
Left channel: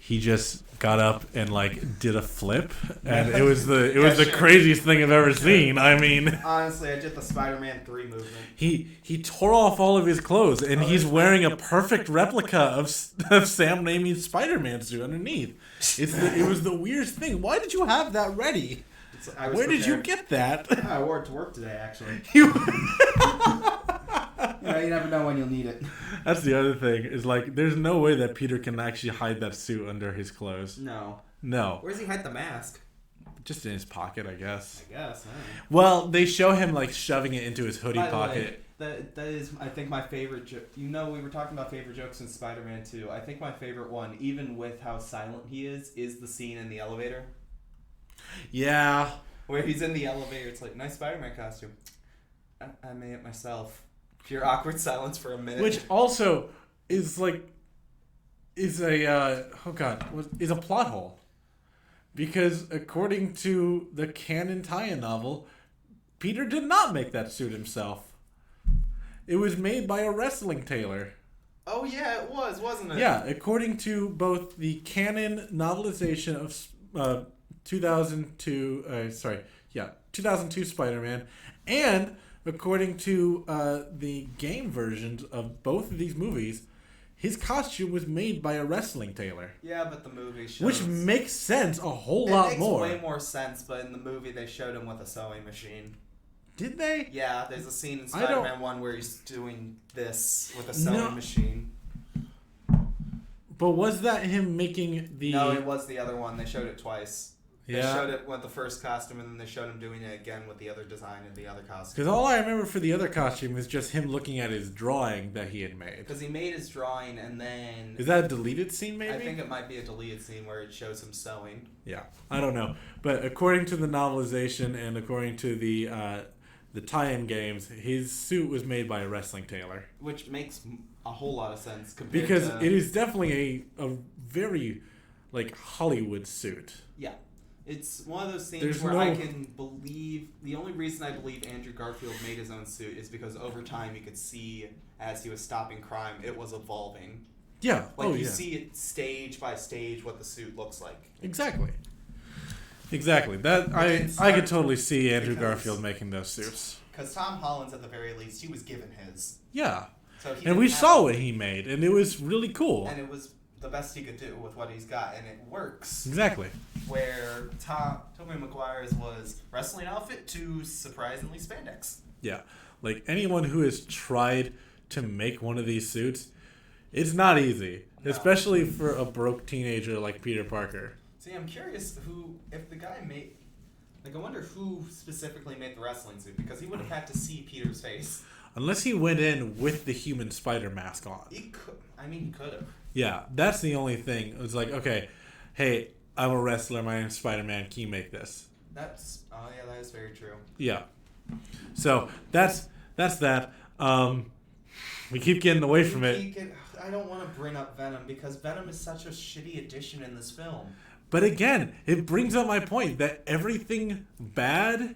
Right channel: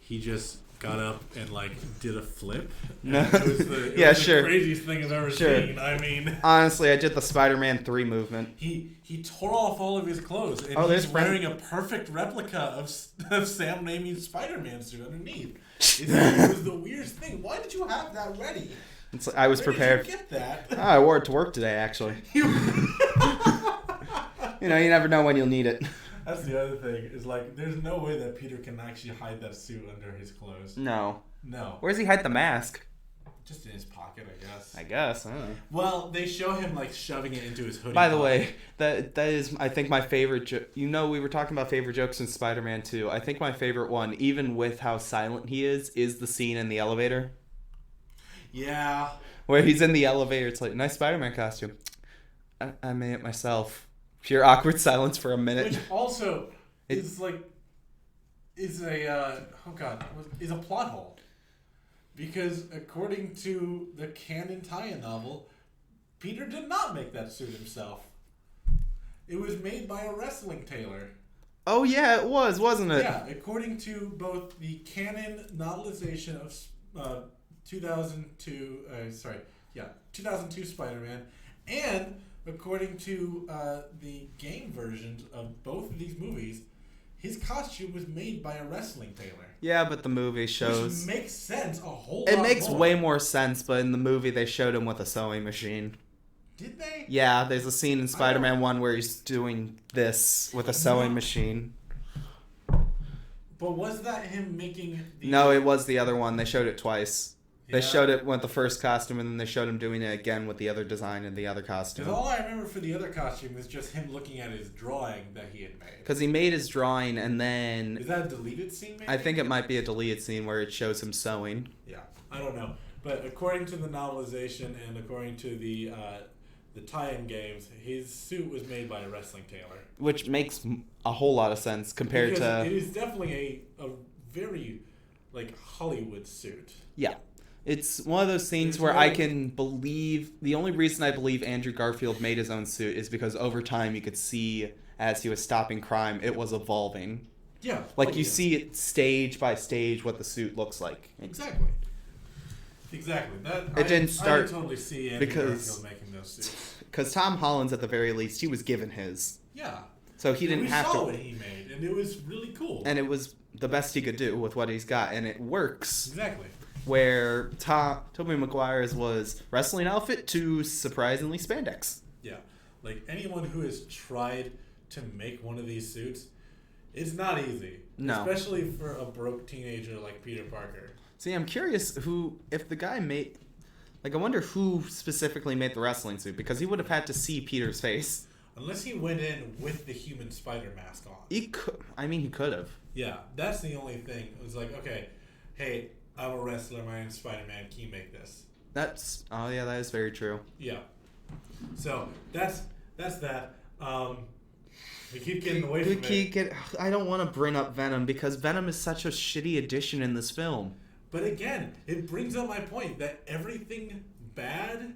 he just got up and did a flip, and it was the craziest thing I've ever seen. I mean, honestly, I did the Spider-Man 3 movement. He tore off all of his clothes, and he's wearing a perfect replica of Sam Raimi's Spider-Man suit underneath. It was the weirdest thing. Why did you have that ready? I was prepared. Where did you get that? I wore it to work today, actually. You never know when you'll need it. That's the other thing. Is there's no way that Peter can actually hide that suit under his clothes. No. Where's he hide the mask? Just in his pocket, I guess. I don't know. Well, they show him shoving it into his hoodie pocket. By the way, that is, I think, my favorite joke. We were talking about favorite jokes in Spider-Man 2. I think my favorite one, even with how silent he is the scene in the elevator. Yeah. Where he's in the elevator. It's nice Spider-Man costume. I made it myself. Pure awkward silence for a minute. Which also is a plot hole. Because according to the canon tie-in novel, Peter did not make that suit himself. It was made by a wrestling tailor. Oh yeah, it was, wasn't it? Yeah, according to both the canon novelization of 2002 Spider-Man, and according to the game versions of both of these movies, his costume was made by a wrestling tailor. Yeah, but the movie shows... Which makes sense a whole lot more. It makes way more sense, but in the movie they showed him with a sewing machine. Did they? Yeah, there's a scene in Spider-Man 1 where he's doing this with a sewing machine. But was that him making the... No, it was the other one. They showed it twice. They showed it with the first costume, and then they showed him doing it again with the other design and the other costume. Because all I remember for the other costume is just him looking at his drawing that he had made. Because he made his drawing, and then... Is that a deleted scene, maybe? I think it might be a deleted scene where it shows him sewing. Yeah, I don't know. But according to the novelization and according to the tie-in games, his suit was made by a wrestling tailor. Which makes a whole lot of sense compared to... Because it is definitely a very, Hollywood suit. Yeah. It's one of those scenes where I can believe... The only reason I believe Andrew Garfield made his own suit is because over time you could see, as he was stopping crime, it was evolving. Yeah. See it stage by stage what the suit looks like. Exactly. That I could totally see Andrew Garfield making those suits. Because Tom Holland's, at the very least, he was given his. Yeah. So he and we saw what he made, and it was really cool. And it was the best he could do with what he's got, and it works. Exactly. Where Tobey Maguire's was wrestling outfit to surprisingly spandex. Yeah. Anyone who has tried to make one of these suits, it's not easy. No. Especially for a broke teenager like Peter Parker. See, I'm curious if the guy made... I wonder who specifically made the wrestling suit, because he would have had to see Peter's face. Unless he went in with the human spider mask on. He could have. Yeah, that's the only thing. It was okay, hey, I'm a wrestler, my name's Spider-Man, can you make this? That is very true. Yeah. So, that's that. We keep getting away from it. I don't want to bring up Venom, because Venom is such a shitty addition in this film. But again, it brings up my point that everything bad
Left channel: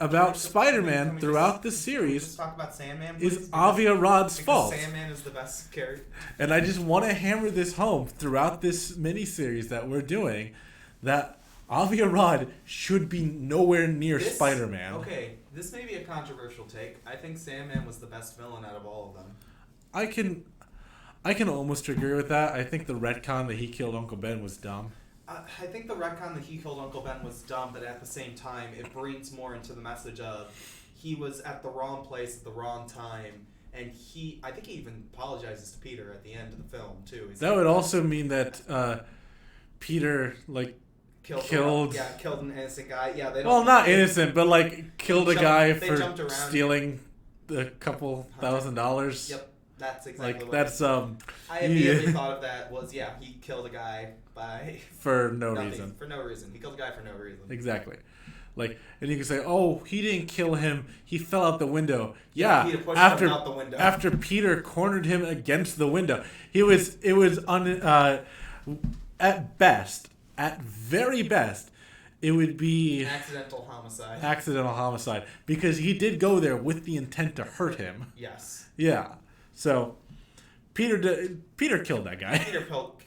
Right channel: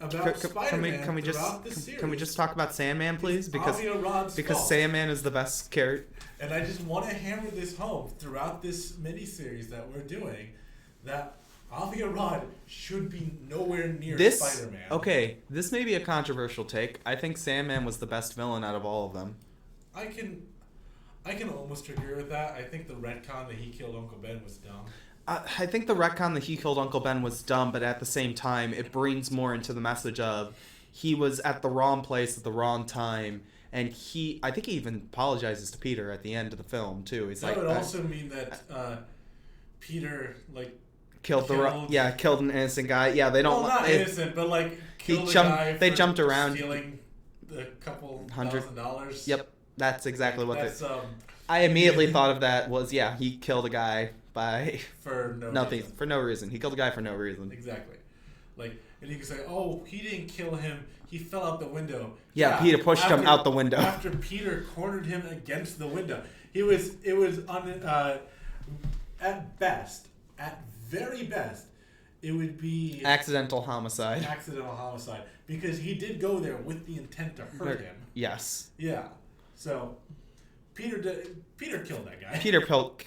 about Can Spider-Man we throughout just, the Can we series just talk about Sandman, please? is Aviarad's because fault. Sandman is the best character. And I just want to hammer this home throughout this miniseries that we're doing, that Aviarad should be nowhere near Spider-Man. Okay, this may be a controversial take. I think Sandman was the best villain out of all of them. I can almost agree with that. I think the retcon that he killed Uncle Ben was dumb. I think the retcon that he killed Uncle Ben was dumb, but at the same time, it brings more into the message of he was at the wrong place at the wrong time, and I think he even apologizes to Peter at the end of the film too. He's that would also mean that Peter killed an innocent guy. Yeah, they don't. Well, not innocent, but killed a guy for jumped around stealing a couple $1,000. Yep, that's exactly what. That's I immediately thought of that was he killed a guy for no reason. For no reason. He killed a guy for no reason. Exactly. And you can say, "Oh, he didn't kill him. He fell out the window." Yeah, he'd have pushed him out the window after Peter cornered him against the window. It was at best, at very best, it would be accidental homicide. Accidental homicide, because he did go there with the intent to hurt him. Yes. Yeah. So Peter killed that guy. Peter killed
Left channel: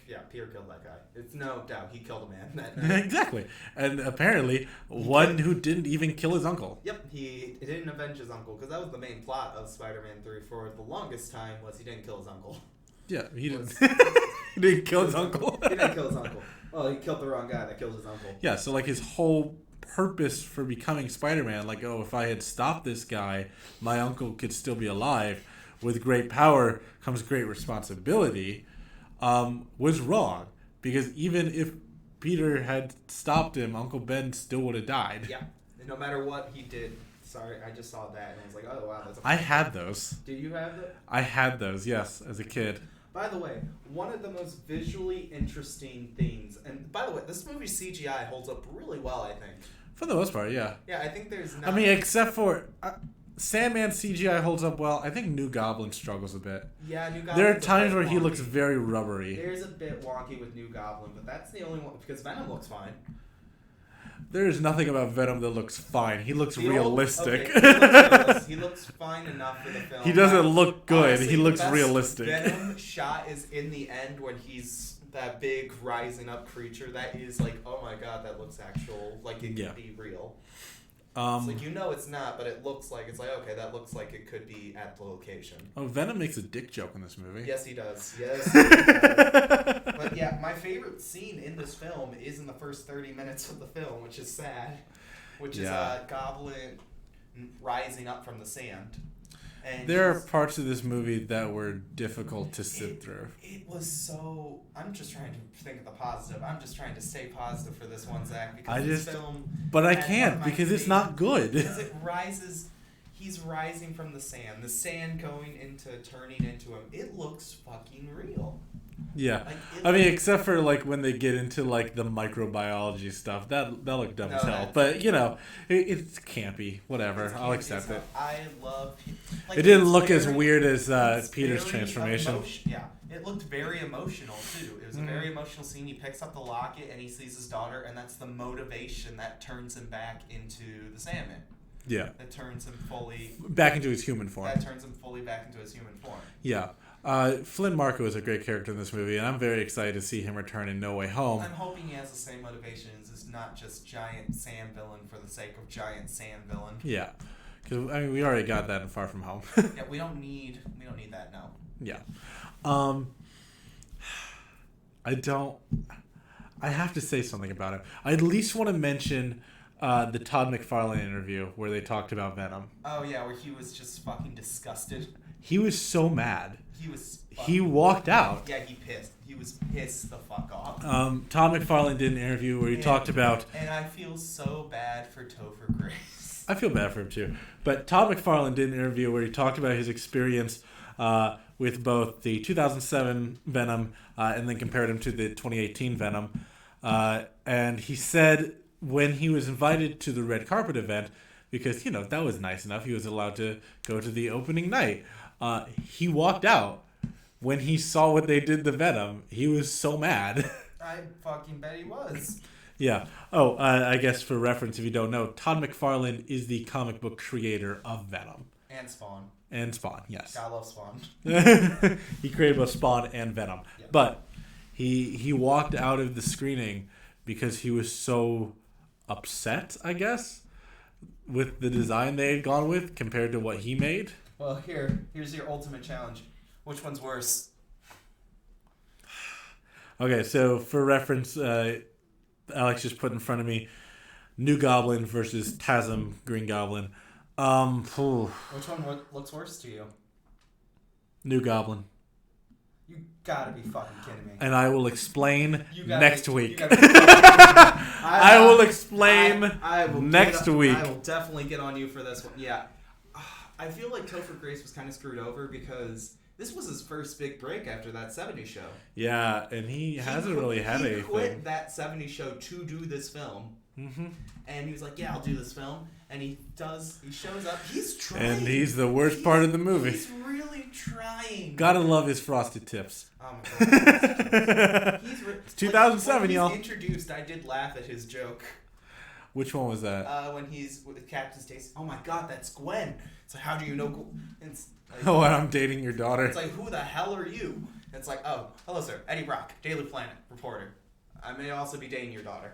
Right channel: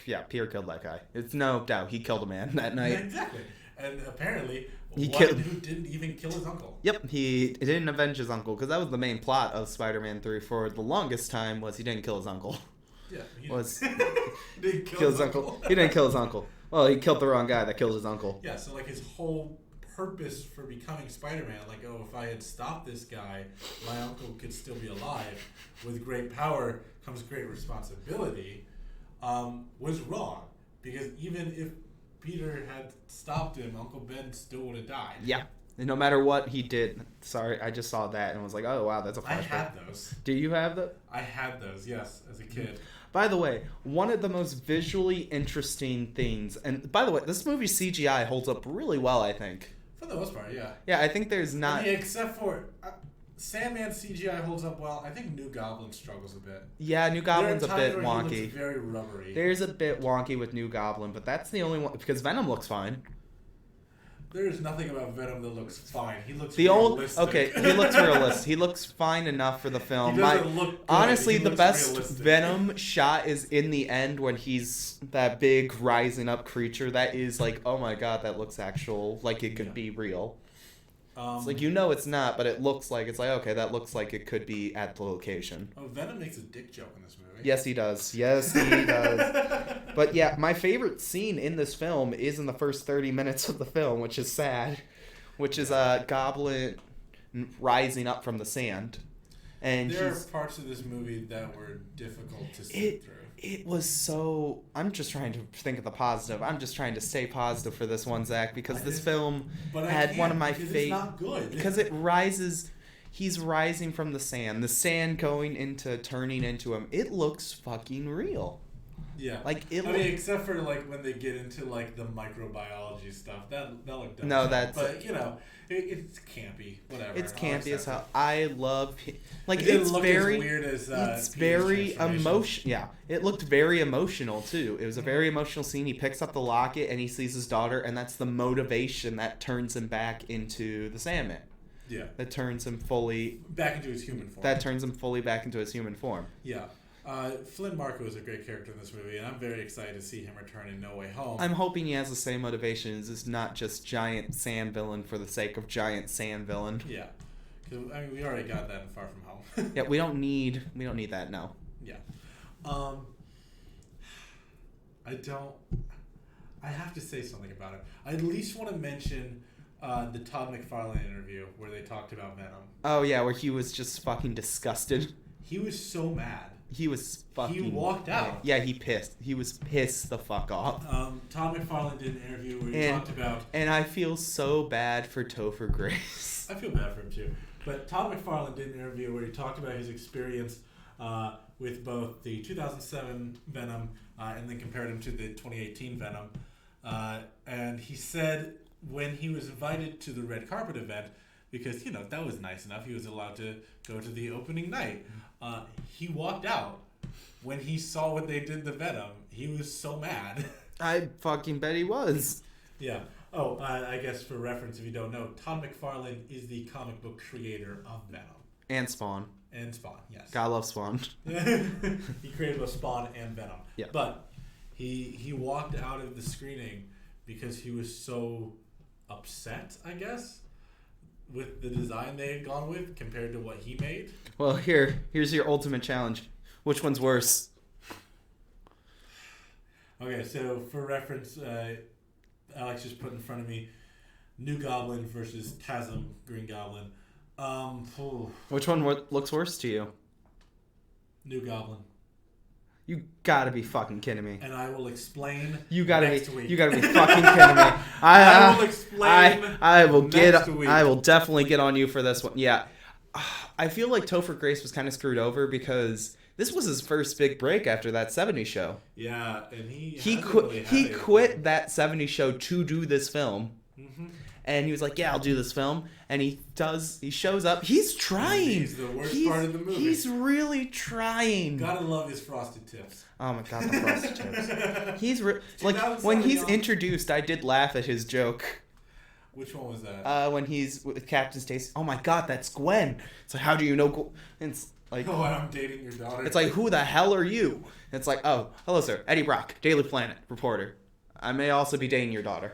that guy. It's no doubt he killed a man that night. Exactly. And apparently who didn't even kill his uncle. Yep, he didn't avenge his uncle, because that was the main plot of Spider-Man 3 for the longest time, was he didn't kill his uncle. Yeah, he didn't kill his uncle. He didn't kill his uncle. Well, he killed the wrong guy that killed his uncle. Yeah, so his whole purpose for becoming Spider-Man, if I had stopped this guy, my uncle could still be alive. With great power comes great responsibility, was wrong. Because even if Peter had stopped him, Uncle Ben still would have died. Yeah. And no matter what he did. Sorry, I just saw that and was like, oh, wow, that's a... I had those. Do you have those? I had those, yes, as a kid. By the way, one of the most visually interesting things... And by the way, this movie's CGI holds up really well, I think. For the most part, yeah. Yeah, I think there's not... I mean, except for... Sandman's CGI holds up well. I think New Goblin struggles a bit. Yeah, New Goblin's a bit wonky. There are times where he looks very rubbery. There's a bit wonky with New Goblin, but that's the only one... Because Venom looks fine. There is nothing about Venom that looks fine. He looks realistic. Okay, he looks realistic. He looks fine enough for the film. He doesn't look good. Honestly, he looks the best realistic. Venom shot is in the end when he's that big rising up creature. That is oh my god, that looks actual. It could be real. It's it's not, but it looks like okay, that looks like it could be at the location. Oh, Venom makes a dick joke in this movie. Yes, he does. Yes, he does. But yeah, my favorite scene in this film is in the first 30 minutes of the film, which is sad. Which is a goblin rising up from the sand. And there are parts of this movie that were difficult to sit through. It was so... I'm just trying to think of the positive. I'm just trying to stay positive for this one, Zach, because this film... But I can't, because it's not good. Because it rises... He's rising from the sand. The sand turning into him. It looks fucking real. Yeah. Except for when they get into the microbiology stuff, that looked dumb as hell. But it's campy. Whatever. It's I'll accept it. I love it didn't look as weird as Peter's transformation. Yeah, it looked very emotional too. It was a very emotional scene. He picks up the locket and he sees his daughter, and that's the motivation that turns him back into the Sandman. Yeah. That turns him fully back into his human form. That turns him fully back into his human form. Yeah. Flynn Marko is a great character in this movie, and I'm very excited to see him return in No Way Home. I'm hoping he has the same motivations. It's not just giant sand villain for the sake of giant sand villain. Yeah, because we already got that in Far From Home. Yeah, we don't need that now. Yeah, I have to say something about it. I at least want to mention the Todd McFarlane interview where they talked about Venom. Oh yeah, where he was just fucking disgusted. He was so mad. He was fucking... He walked out. Yeah, he pissed. He was pissed the fuck off. Tom McFarlane did an interview where he talked about... And I feel so bad for Topher Grace. I feel bad for him too. But Tom McFarlane did an interview where he talked about his experience with both the 2007 Venom and then compared him to the 2018 Venom. And he said when he was invited to the red carpet event, because, that was nice enough, he was allowed to go to the opening night. He walked out when he saw what they did to Venom. He was so mad. I fucking bet he was. Yeah. Oh, I guess for reference, if you don't know, Todd McFarlane is the comic book creator of Venom. And Spawn. And Spawn, yes. God love Spawn. He created both Spawn and Venom. Yeah. But he walked out of the screening because he was so upset, I guess, with the design they had gone with compared to what he made. Well, here's your ultimate challenge. Which one's worse? Okay, so for reference, Alex just put in front of me New Goblin versus Tasm Green Goblin. Which one looks worse to you? New Goblin. You gotta be fucking kidding me. And I will explain next week. You gotta be fucking kidding me. I will explain I will next week. I will definitely get on you for this one. Yeah. I feel like Topher Grace was kind of screwed over because this was his first big break after that 70s show. Yeah, and he hasn't really had anything. He quit that 70s show to do this film. Mm-hmm. And he was like, yeah, I'll do this film. And he shows up. He's trying. And he's the worst part of the movie. He's really trying. Gotta love his frosted tips. Oh my god, frosted tips. He's 2007, when he's y'all. introduced, I did laugh at his joke. Which one was that? When he's with Captain Stacy. Oh my god, that's Gwen. It's like, how do you know Gwen? It's like, oh, and I'm dating your daughter. It's like, who the hell are you? It's like, oh, hello, sir. Eddie Brock, Daily Planet reporter. I may also be dating your daughter.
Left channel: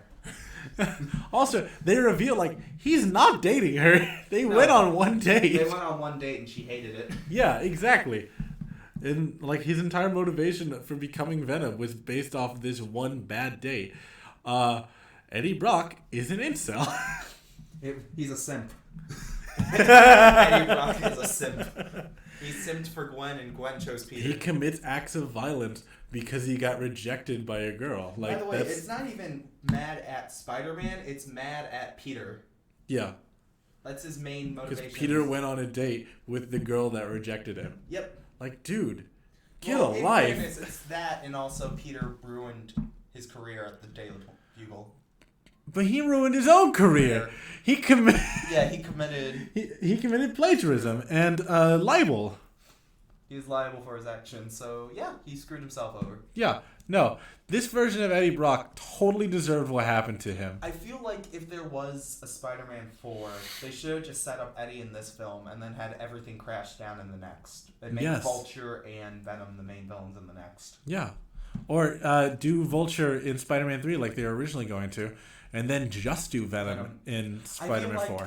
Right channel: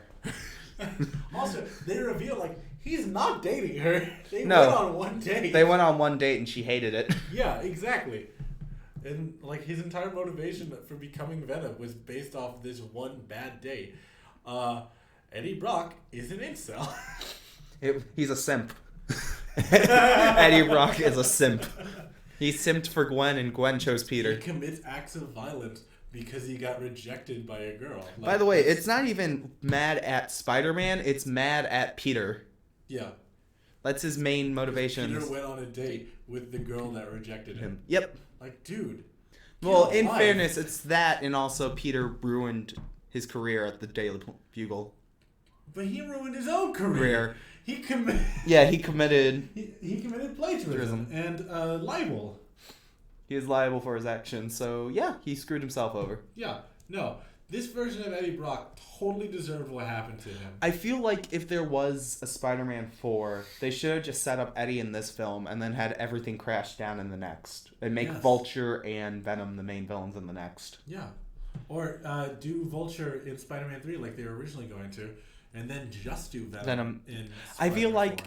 Also, they reveal like he's not dating her. They went on one date. They went on one date and she hated it. Yeah, exactly. And like his entire motivation for becoming Venom was based off this one bad date. Eddie Brock is an incel. He's a simp. Eddie Brock is a simp. He simped for Gwen and Gwen chose Peter. He commits acts of violence because he got rejected by a girl. Like, by the way, it's not even mad at Spider-Man. It's mad at Peter. Yeah. That's his main motivation. Peter went on a date with the girl that rejected him. Yep. Like, dude. Well, in fairness, it's that, and also Peter ruined his career at the Daily Bugle. But he ruined his own career. He committed. Yeah, he committed. He committed plagiarism and libel. He is liable for his actions, so yeah, he screwed himself over. Yeah, no, this version of Eddie Brock totally deserved what happened to him. I feel like if there was a Spider-Man 4, they should have just set up Eddie in this film and then had everything crash down in the next. And make Vulture and Venom the main villains in the next. Yeah. Or do Vulture in Spider-Man 3 like they were originally going to, and then just do Venom in Spider-Man 4. I feel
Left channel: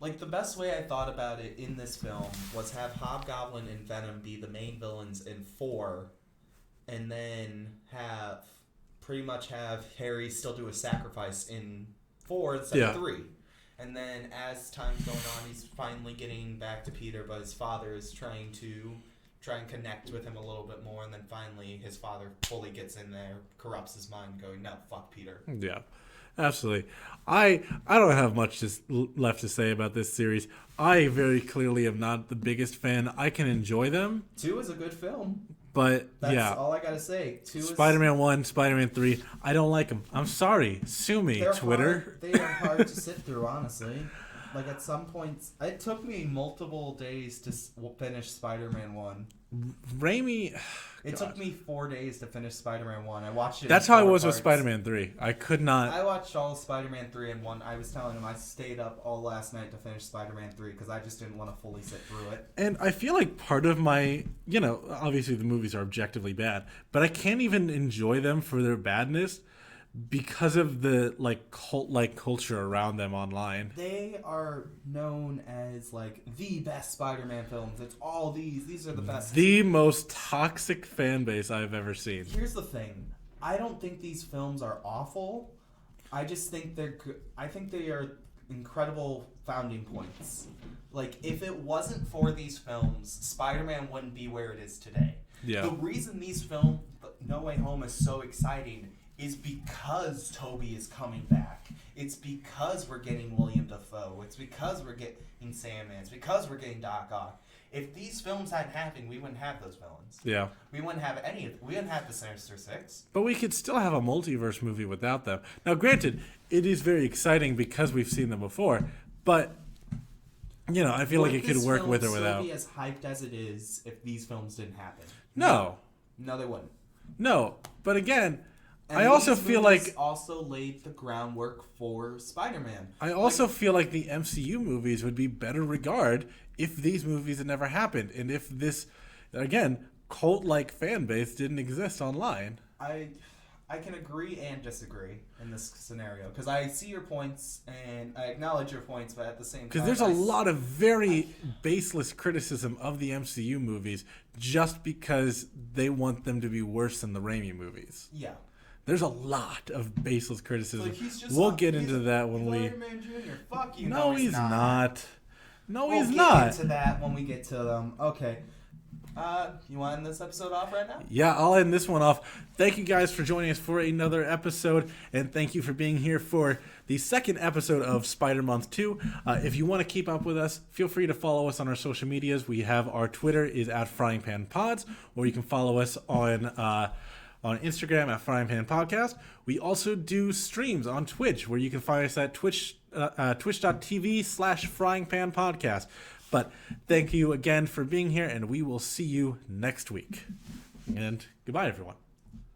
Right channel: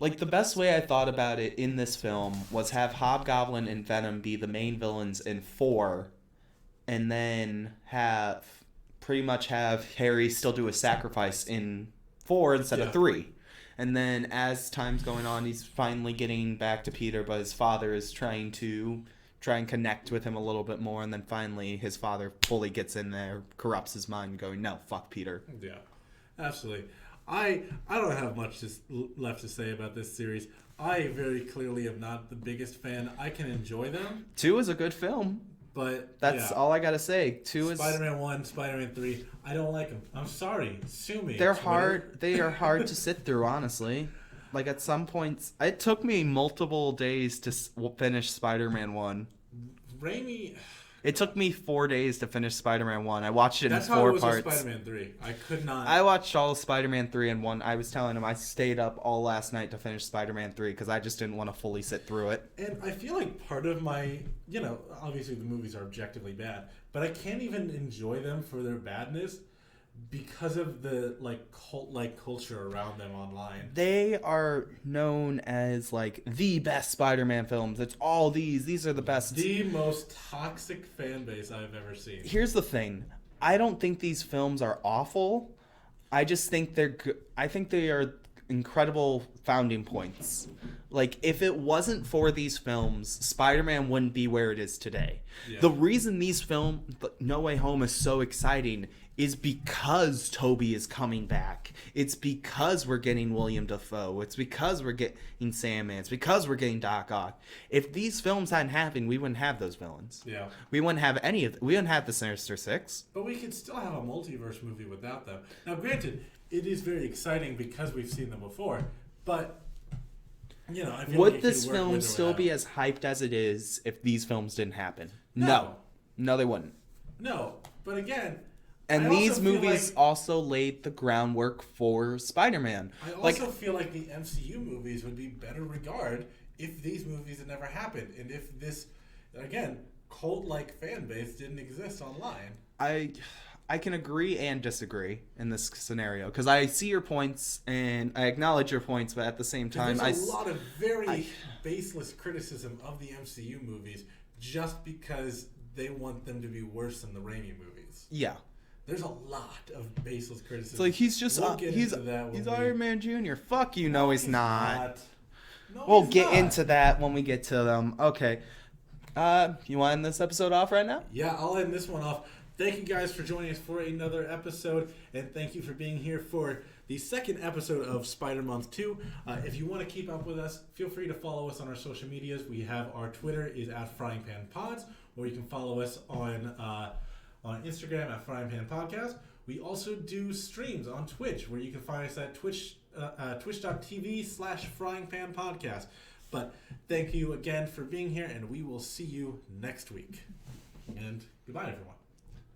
like the best way I thought about it in this film was have Hobgoblin and Venom be the main villains in 4, and then pretty much have Harry still do a sacrifice in 4 instead of 3. And then as time's going on, he's finally getting back to Peter, but his father is trying and connect with him a little bit more, and then finally his father fully gets in there, corrupts his mind, going, no, fuck Peter. Yeah, absolutely. I don't have much left to say about this series. I very clearly am not the biggest fan. I can enjoy them. 2 is a good film. But, that's all I gotta say. 2 is... Spider-Man 1, Spider-Man 3, I don't like them. I'm sorry. Sue me, Twitter. They are hard to sit through, honestly. Like, at some points... It took me multiple days to finish Spider-Man 1. Raimi... It took me 4 days to finish Spider-Man 1. I watched it That's in 4 how it was parts. with Spider-Man 3. I could not... I watched all of Spider-Man 3 in 1. I was telling him I stayed up all last night to finish Spider-Man 3 because I just didn't want to fully sit through it. And I feel like part of my... obviously the movies are objectively bad, but I can't even enjoy them for their badness because of the cult-like culture around them online. They are known as the best Spider-Man films. It's all these are the best. The most toxic fan base I've ever seen. Here's the thing. I don't think these films are awful. I just think they're good. I think they are incredible founding points. If it wasn't for these films, Spider-Man wouldn't be where it is today. Yeah. The reason these films, No Way Home, is so exciting is because Toby is coming back. It's because we're getting William Dafoe. It's because we're getting Sandman. It's because we're getting Doc Ock. If these films hadn't happened, we wouldn't have those villains. Yeah. We wouldn't have we wouldn't have the Sinister Six. But we could still have a multiverse movie without them. Now, granted, it is very exciting because we've seen them before, but I feel like it could work with or without. Would this film still be as hyped as it is if these films didn't happen? No. No, they wouldn't. No. But again, And I also these feel movies like also laid the groundwork for Spider-Man. I also feel like the MCU movies would be better regard if these movies had never happened, and if this, again, cult-like fan base didn't exist online. I can agree and disagree in this scenario because I see your points and I acknowledge your points, but at the same time, Because there's a lot of very baseless criticism of the MCU movies just because they want them to be worse than the Raimi movies. Yeah. There's a lot of baseless criticism. It's like he's just we'll get into that when he's we. Iron Man Jr. Fuck you. No, he's not. No, We'll he's get not. into that when we get to them. Okay. You want to end this episode off right now? Yeah, I'll end this one off. Thank you guys for joining us for another episode, and thank you for being here for the second episode of Spider Month 2. If you want to keep up with us, feel free to follow us on our social medias. We have our Twitter is at Frying Pan Pods, or you can follow us on Instagram at Frying Pan Podcast. We also do streams on Twitch, where you can find us at twitch.tv/Frying Pan Podcast. But thank you again for being here, and we will see you next week. And goodbye, everyone.